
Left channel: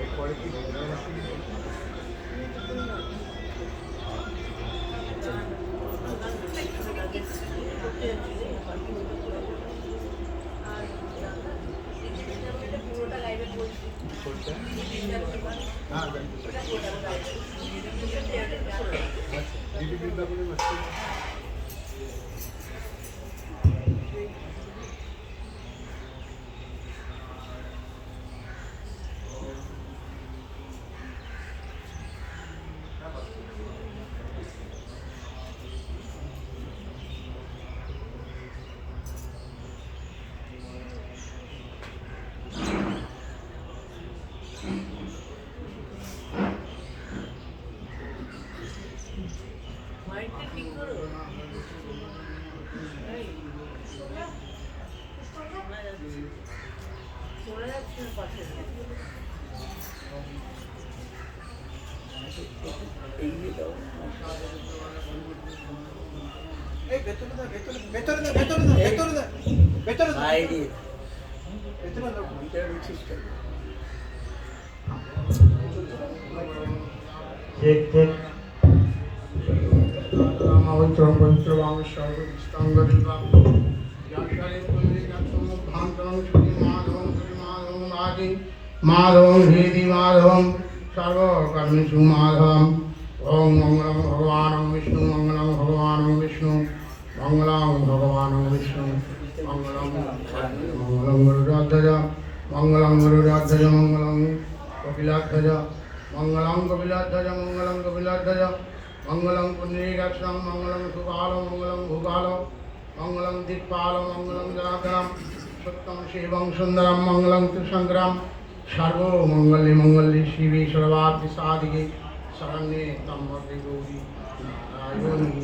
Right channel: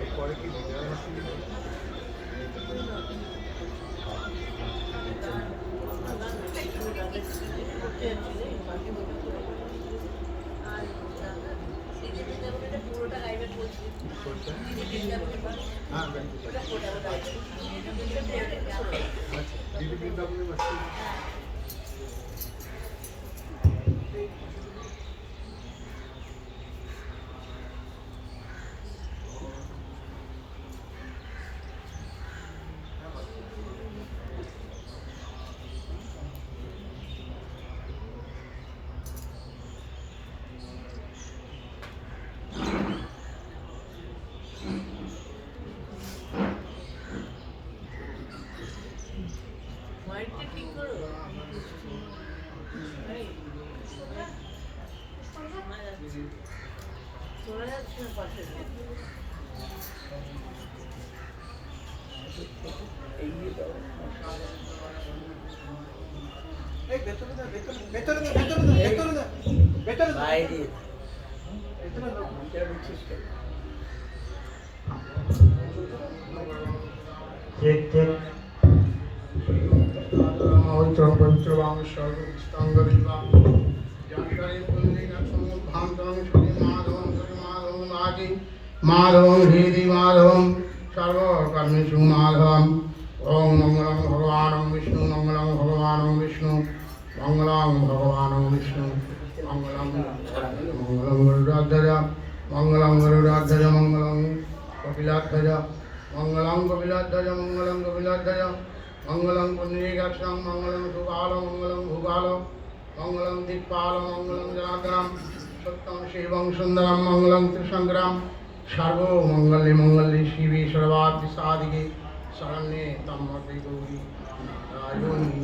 এরপরে কি বিজয় মাসে পুরোটা গাইবে বলছি কোনটা? হ্যাঁ ব্যাংকে আচ্ছা দিদি বৃন্দাবনে মাস্টার এই ভেতরে না ভেতরে ভেতরে না ভেতরে না ভেতরে না ভেতরে না বাইরে ভেতরে না ভিতরে ঢুকছিস কেন? ঠিক ঠিক মৌত্র পবিত্র বাংশ স্তঙ্গ বিবাহ জনসারে পুণ্ডিকা সমুদ্ধান্তং ছবি মাধবং মাধবং আদি মাধবং হৃদি মাধবং সর্বকর্মেষু মাধবং ওম মঙ্গলং ভগবানং বিষ্ণু মঙ্গলং ভগবানং বিষ্ণু মঙ্গলং ভগবানং বিষ্ণু মঙ্গলং মঙ্গলং গরুড়ধ্বজ মঙ্গলং গরুড়ধ্বজ মঙ্গলং কপিলাধ্বজ মঙ্গলং কপিলাধ্বজ মঙ্গলং কপিলাধ্বজ মঙ্গলং পুণ্ডরীকাক্ষং মঙ্গলং সুকাল মঙ্গলং ভূকাল মঙ্গলং দিক্পাল মঙ্গলং জনার্দনম সত্যং শিবং সুন্দরম মঙ্গলং ত্রিসংগ্রাম সর্বমঙ্গলে মঙ্গলে শিবে সর্বার্থ সাধিকে শরণ্যে ত্র্যম্বকে গৌরী নারায়ণী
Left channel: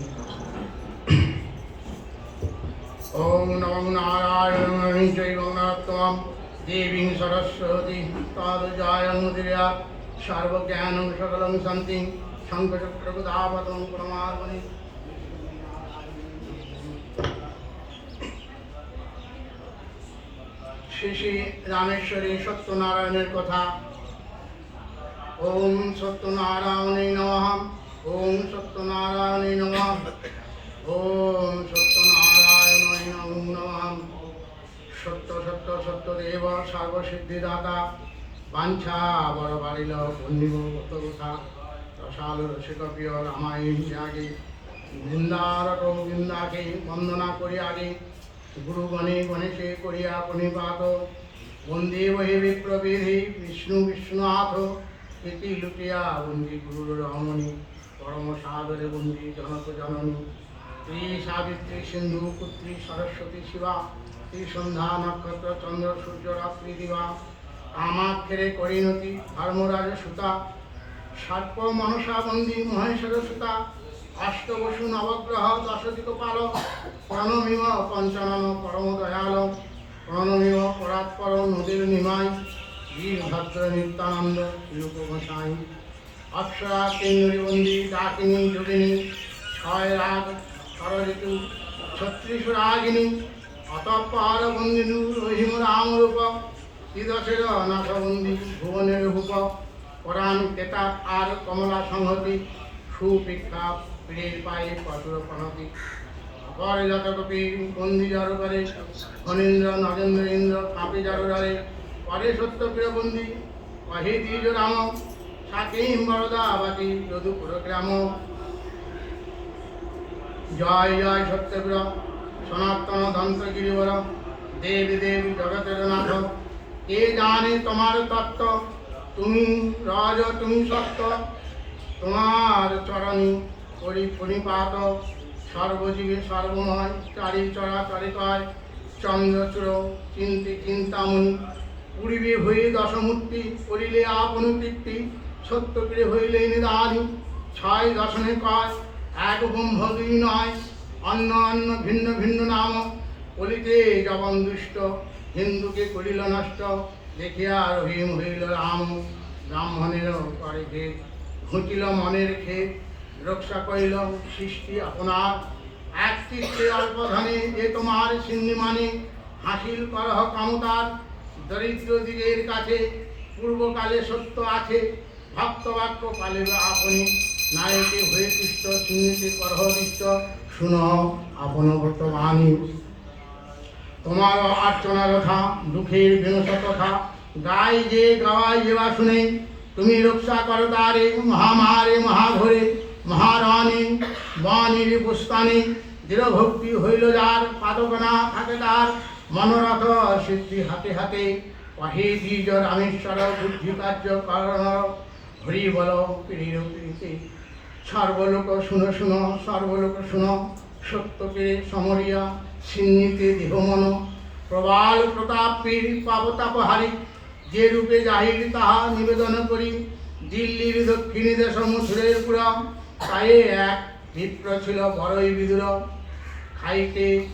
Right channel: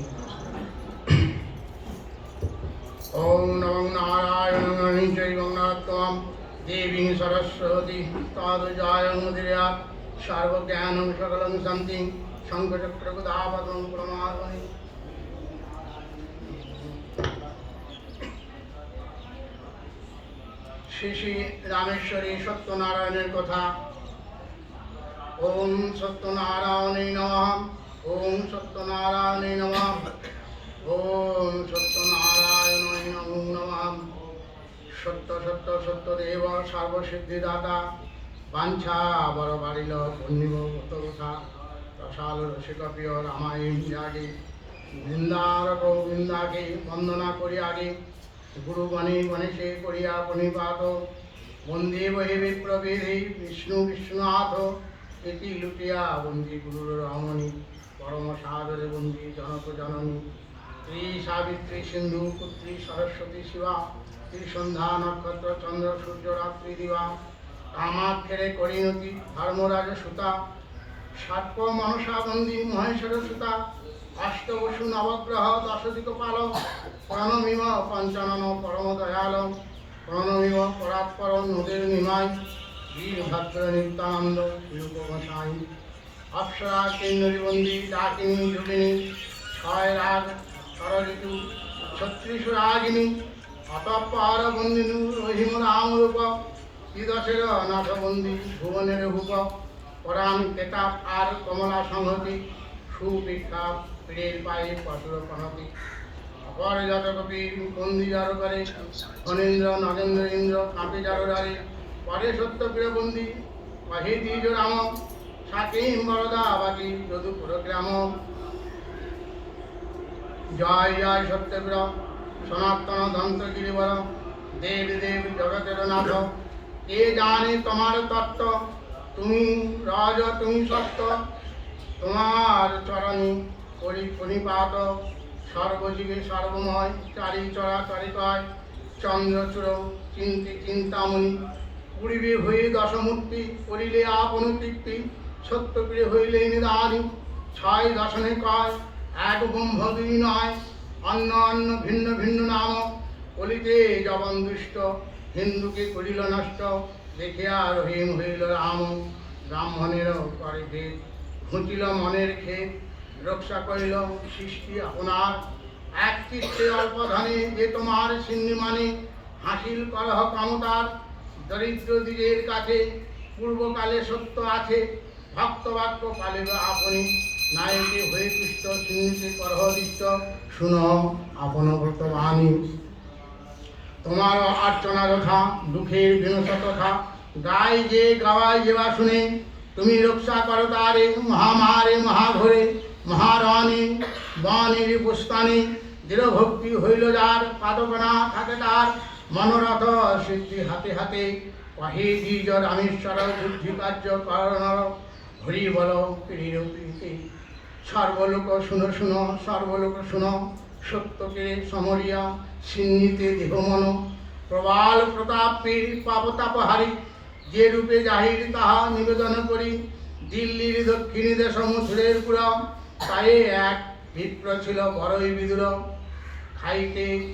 ওম নমঃ নারায়ণায় চৈবং নারায়ণং দেবীং সরস্বতী তাদুজায়ন্মুদিরয়া সর্বজ্ঞানং সকলং শান্তিং শঙ্খচক্রগদাপদং প্রমাদমণি শ্রী শ্রী রামেশ্বরী সত্যনারায়ণের কথা। ওম সত্যনারায়ণে নমঃ ওম সত্যনারায়ণে নমঃ ওম সত্যনারায়ণে নমঃ। সত্য সত্য সত্যদেব সর্বসিদ্ধিদাতা বাঞ্ছা বড় বাড়িল পুণ্যিব কথা রসাল রসিক প্রিয় রামায়ণ আগে বৃন্দার গোবিন্দাকে বন্দনা করি আগে গুরু গণে গণেশে করিয়া প্রণিপাত বন্দে বহি বিপ্রবিধি বিষ্ণু বিষ্ণুনাথ ইতি লুটিয়া বন্দি গুরুর রমণী পরম সাদরে বন্দি জনক জননী শ্রী সাবিত্রী সিন্ধু পুত্রী সরস্বতী শিবা শ্রী সন্ধ্যা নক্ষত্র চন্দ্র সূর্য রাত্রি দিবা কামাক্ষেরে করিণতি ধর্মরাজ সুতা সর্প মনসা বন্দী মহেশ্বর সুতা অষ্টবসু নবগ্রহ দশদিক পাল প্রণমিম পঞ্চানন পরম দয়াল প্রণমিম পরাৎপর নদীর নিমাই বীরভদ্র নিত্যানন্দ শিরূপ গোসাই অপ্সরা কেন্দ্রবন্দী ডাকিনী যোগিনী ছয় রাগ হরঋতু ছত্রিশ রাগিনী অতঃপর বন্দিনু রহিম রামরূপ শ্রীদশের নাথবন্দী ভুবনের ভূপ পরাণ কেতাব আর কমলা সংহতি সুপিক্ষা পীড়ের পায়ে পশুর প্রণতি অপর যত কপি বন্দি যার করে ফণীন্দ্র নগেন্দ্র ইন্দ্র কাপি যার যারে পরে সত্যপ্রিয় বন্দি অহি দ্বিজ রাম সাকিম বরদা বাকি যদুপুর গ্রাম জয় জয় সত্যপ্রিয় সনাতন দন্ত গিরিবর দেব দেব জগতের নাথ কে জানে তোমার তত্ত্ব তুমি রাজ তুমি সত্য তোমার চরণী করি ফণিপাত সর্বজীবে সর্বময় চারি চরাচরিতয় চন্দ্রচূড় চিন্তি চিন্তামণি পূর্বে হয়ে দশমূর্তি করিলে আপন তৃপ্তি সত্যপ্রিয় হইলে নিদানি ছয় দশনে কয় এক ব্রহ্ম দুই নয় অন্য অন্য ভিন্ন ভিন্ন নাম কলিতে জবন দুষ্ট হিন্দুকে করিল নষ্ট দেখিয়া রহিম হইল রাম ব্রাহ্মণের করে ভেদ ঘুচিল মনের ক্ষেত রক্ষা করিল সৃষ্টি আপনার এক চিত্তে অল্প ধনে যে তোমার সিন্ধি মানে হাসিল করহ কামতার দরিদ্র দিগের কাছে পূর্বকালে সত্য আছে ভক্ত বাক্য পালিব আপনি নায়কে হয়ে তুষ্ট সিন্নিতে করহ দৃষ্ট শুনো আপন ভক্ত বাণী তোমার অর্চনা যথা দুঃখের বিনশ তথা গাই যে গাওয়াই যেবা শুনে তুমি রক্ষা করো তারে মহামারে মহাঘরে মহারণে বনের পুস্তানে দৃঢ় ভক্তি হইল যার পাদকনা থাকে তার মনোরথ সিদ্ধি হাতে হাতে কহে দ্বিজ রামেশ্বর বুদ্ধি কার্য কারণ হরি বল পিড়ির পিড়িতে সর্বলোক শুনো শুনো সর্বলোক শুনো সত্যকে সমরিয়া সিন্নিতে দেহ মন প্রবাল প্রতাপের পাবতাপহারী যে রূপে জাহির তাহা নিবেদন করি দিল্লির দক্ষিণী দেশ মথুরের পুরা তাই এক বিপ্র ছিল বড়ই বিদুর খাইতে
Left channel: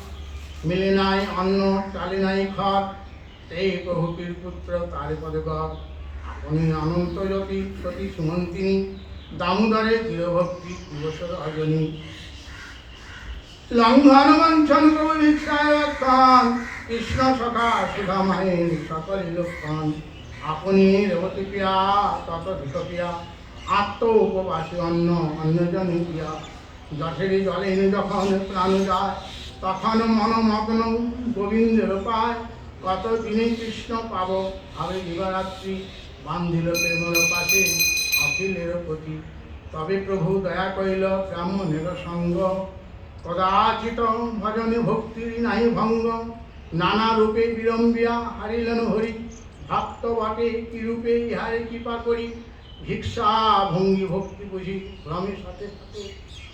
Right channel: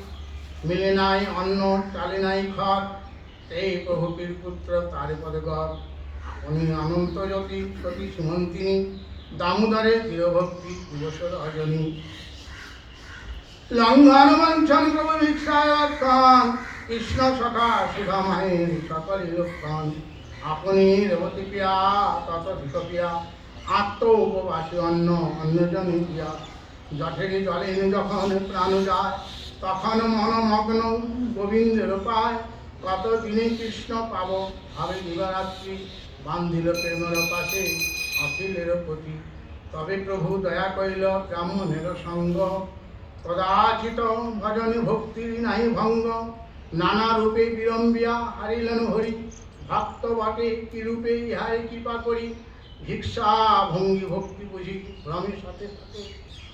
মিলে নাই অন্ন চালে নাই খড় এই প্রভুটির পুত্র তার পদে গপ আপনি অনন্ত জ্যোতি সতী সুমন্তিনী দামোদরে দৃঢ়ভক্তি দিবস রজনী লঙ্ঘন বঞ্চন প্রভু ভিক্ষায়ক্ষণ কৃষ্ণ সখা সুধা মাহের সকলে লক্ষণ আপনি রেবতী পিয়া তত ধিকপিয়া আত্ম উপবাসী অন্ন অন্যজনে পিয়া জঠেরি জলে যখন প্রাণ যায় তখন মনমগ্ন গোবিন্দের পায় কত দিনে কৃষ্ণ পাব ভাবে দিবারাত্রি বান্ধিল প্রেমের পাশে অখিলের প্রতি তবে প্রভু দয়া করিল ব্রাহ্মণের সঙ্গ কদাচিত ভজনে ভক্তির নাই ভঙ্গ নানা রূপে বিড়ম্বিয়া হারিলেন হরি ভক্ত বটে কি রূপে ইহার কৃপা করি ভিক্ষা ভঙ্গি ভক্তি বুঝি ভ্রমের সাথে সাথে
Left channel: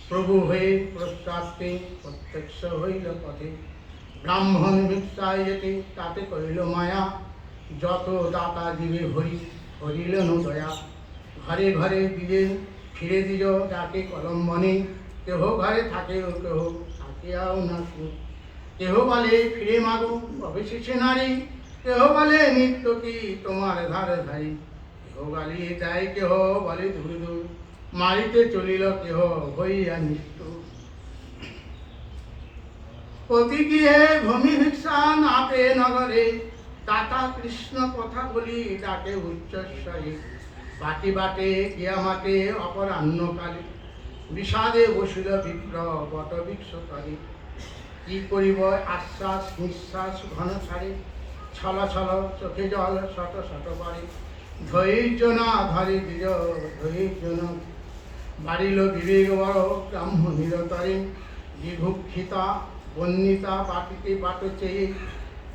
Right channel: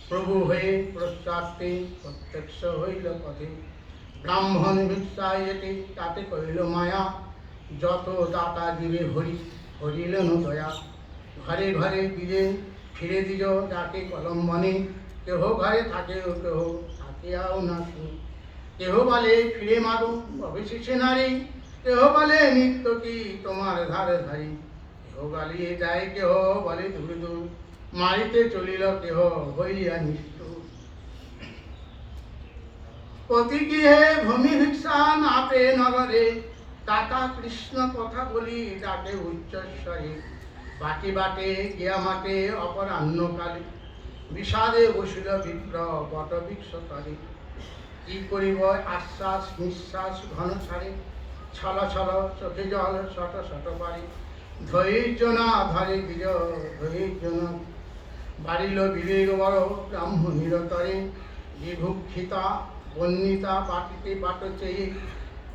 প্রভু হয়ে প্রস্তাবতে প্রত্যক্ষ হইল পথে ব্রাহ্মণ ভিক্ষায় যেতে তাতে করিল মায়া যত দাতা দিবে হরি হরিলেন দয়া ঘরে ঘরে দিলে ফিরে দিল ডাকে কলম্বনে কেহ ঘরে থাকে কেহ থাকিয়াও না কেহ বলে ফিরে মাগো অবশেষে নারী কেহ বলে নিত্য কি তোমার ধারে ধারি কেহ গালিয়ে দেয় কেহ বলে দূর দূর মারিতে চলিল কেহ হইয়া মৃত্যু প্রতি গৃহে ভূমি ভিক্ষা নাপে নগরে দাতা কৃষ্ণ কথা বলি ডাকে উচ্চস্বরে বাটি বাটে গিয়া মাটে অপরাহ্নকালে বিষাদে বসিল বিগ্রহ বট বৃক্ষকালে কি করিব আশ্বাস নিঃশ্বাস ঘন ছাড়ে ছল ছল চোখে জল শত শত পারে ধৈর্য না ধরে দিল ধৈর্য না বাড়িল বিবেক বড় ব্রাহ্মণীর তরে বিভুক্ষিতা বন্যিতা বাটিতে বাট চেয়ে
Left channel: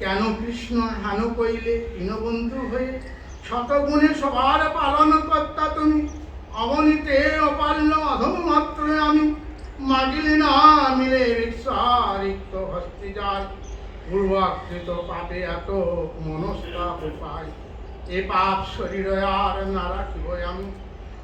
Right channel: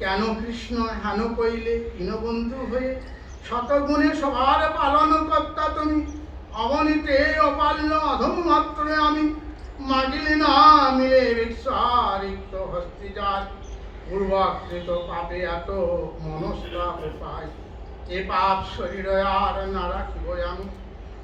কেন কৃষ্ণ হেন কইলে দীনবন্ধু হয়ে শতগুণে সবার পালন কর্তা তুমি অবনীতে অপাল্য অধম মাত্র আমি মাগিলি না মিলে রিক্সারিক্ত হস্তে যায় পূর্বাকৃত পাপে এত মনস্তাপ পায় এ পাপ শরীর আর না রাখিব আমি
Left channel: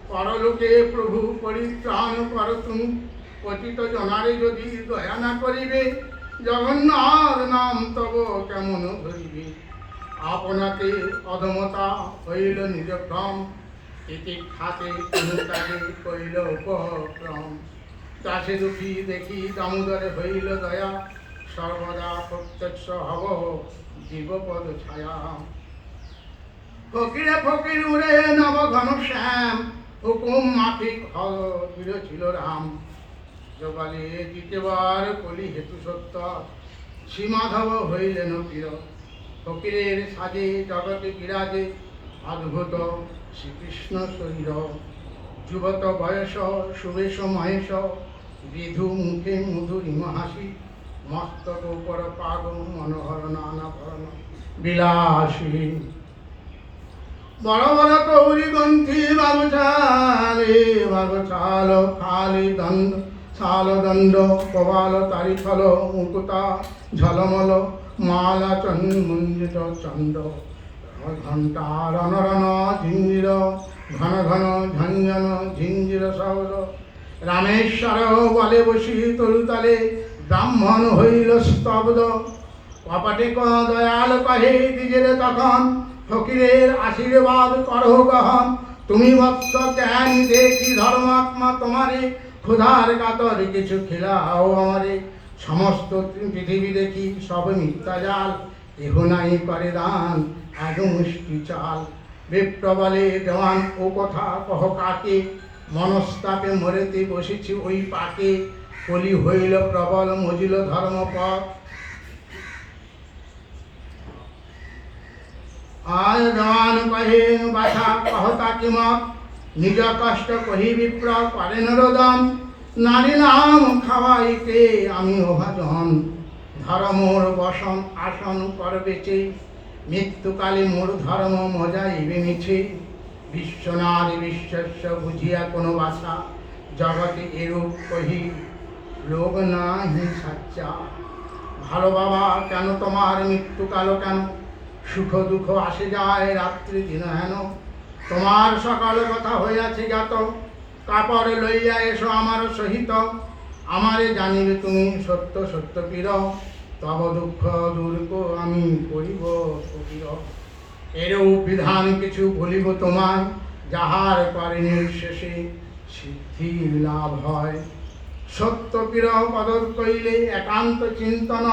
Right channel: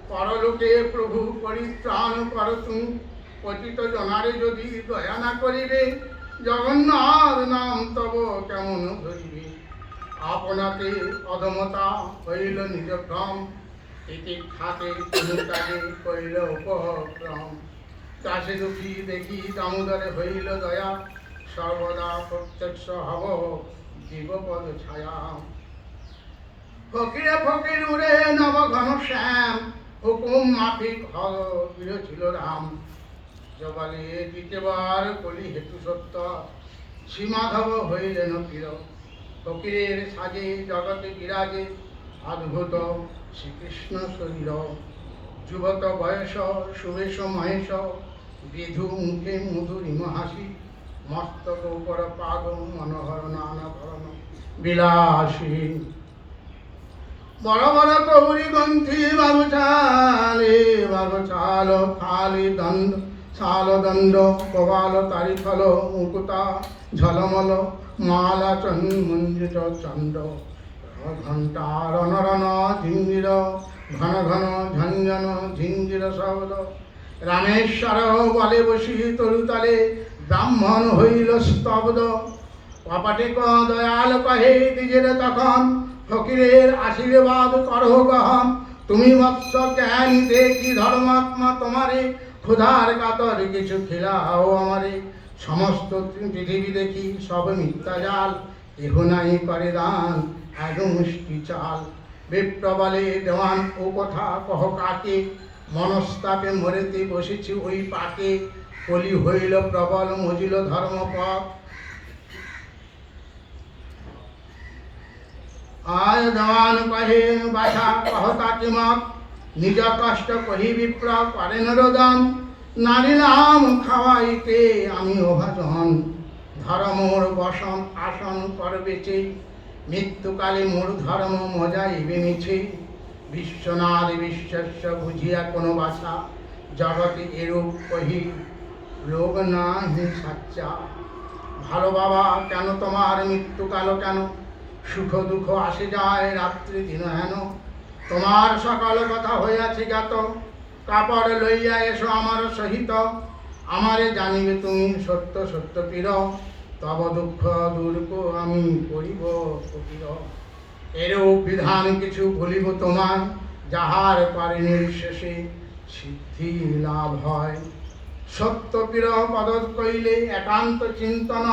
পরলোকে প্রভু পরিত্রাণ কর তুমি পতিত জনারে যদি দয়া না করিবে জগন্নাথ নাম তব কেমন ধরিবে আপনাকে অধমতা হইল নিজ ভ্রম এতে খাতে অনুতাগে করিল উপক্রম চাষে দুঃখী দেখি দামোদরে হইল দয়া সর্বদা প্রত্যক্ষ হব জীবপদ ছায়া ফকিরে ফকির উড়ে নব ঘন শ্যাম হুকুম মাফিক হল ছিল রাম জবালে দ্বিতীয়বার কলি হেতু সত্য শ্রীমাধব হইলেন প্রিয় ফকিরের সাজে জগতে বিরাজে অদ্ভুত শ্রীকৃষ্ণ শরীর যুবত বয়স সুবেশ মহেশ বিধু মুখে মধুরিম হাসি মস্তক উপর পাগ মনোহর নানা ধরন বিলাসী বড় বড় কৌরি গ্রন্থি বাগুছাল খালি দণ্ড শাল দণ্ড প্রবাল তারি ফল মুকুতা ঝলমল মালা চন্দ্র চন্দ্র ঘণ্টা রণ রণ ঝিঞ্জির ঘন ঘন ঝঞ্ঝন ঝিঞ্জির সৌল রামেশ্বর বলে বসি তরুতলে ব্রাহ্মণ হইল স্তব্ধ কপটিক দয়াল কহে দিজের তখন ফকিরের আশীর্বাদ করহ গহন তুমি বৎস জ্ঞান দেখি ধর্মাত্মা তোমারে ক্ষুধার কাতর কিছু খিলাও আমারে সমস্ত পৃথিবী দেখি সব মিথ্যা জাল কেহ নাই করে দান এক মুষ্টি চাল বিপ্র বলে দেওয়ান ও কথা কহ কাকে মনস্তাপে মরেতে বসেছি ওই পাকে কলি হইল প্রবল মজিল ধর্মপথ আয় জওয়ান কহে বাছা কহতা কিমক নিজ কষ্ট কহি বিপ্র করে নরোদম নারী নাম খাওয়াইতে আমি অভাজন ধর্মোর বসন আসন করবেছে মৃত্যুকালে মোর ধর্ম মজাইবে মিছে বিশ্বনাথ বিশ্বস্য বুঝিয়া কোনো বাছা জগতে এরূপ কহি রোগ নাহি সাচ্চা। ভালো বাবা কেন তোমার মৃত্যুকাল কেন সুখ দুঃখ আসে যায় রাত্রি দিন হেন তোমার সকাল কথা হইয়াছে জ্ঞাত কাপড় লইয়া এসো আমার সহিত আমারে জানিবে তুমি সত্য সত্য পীর তব দুঃখ দূর আমি করিব কুটির। এরূপ বিধান কিছু বলিব তোমার যাহার পরে নির্শেষে সিদ্ধির লাভ হয়। সত্য পীর পদ কইলে একান্ত চিন্তন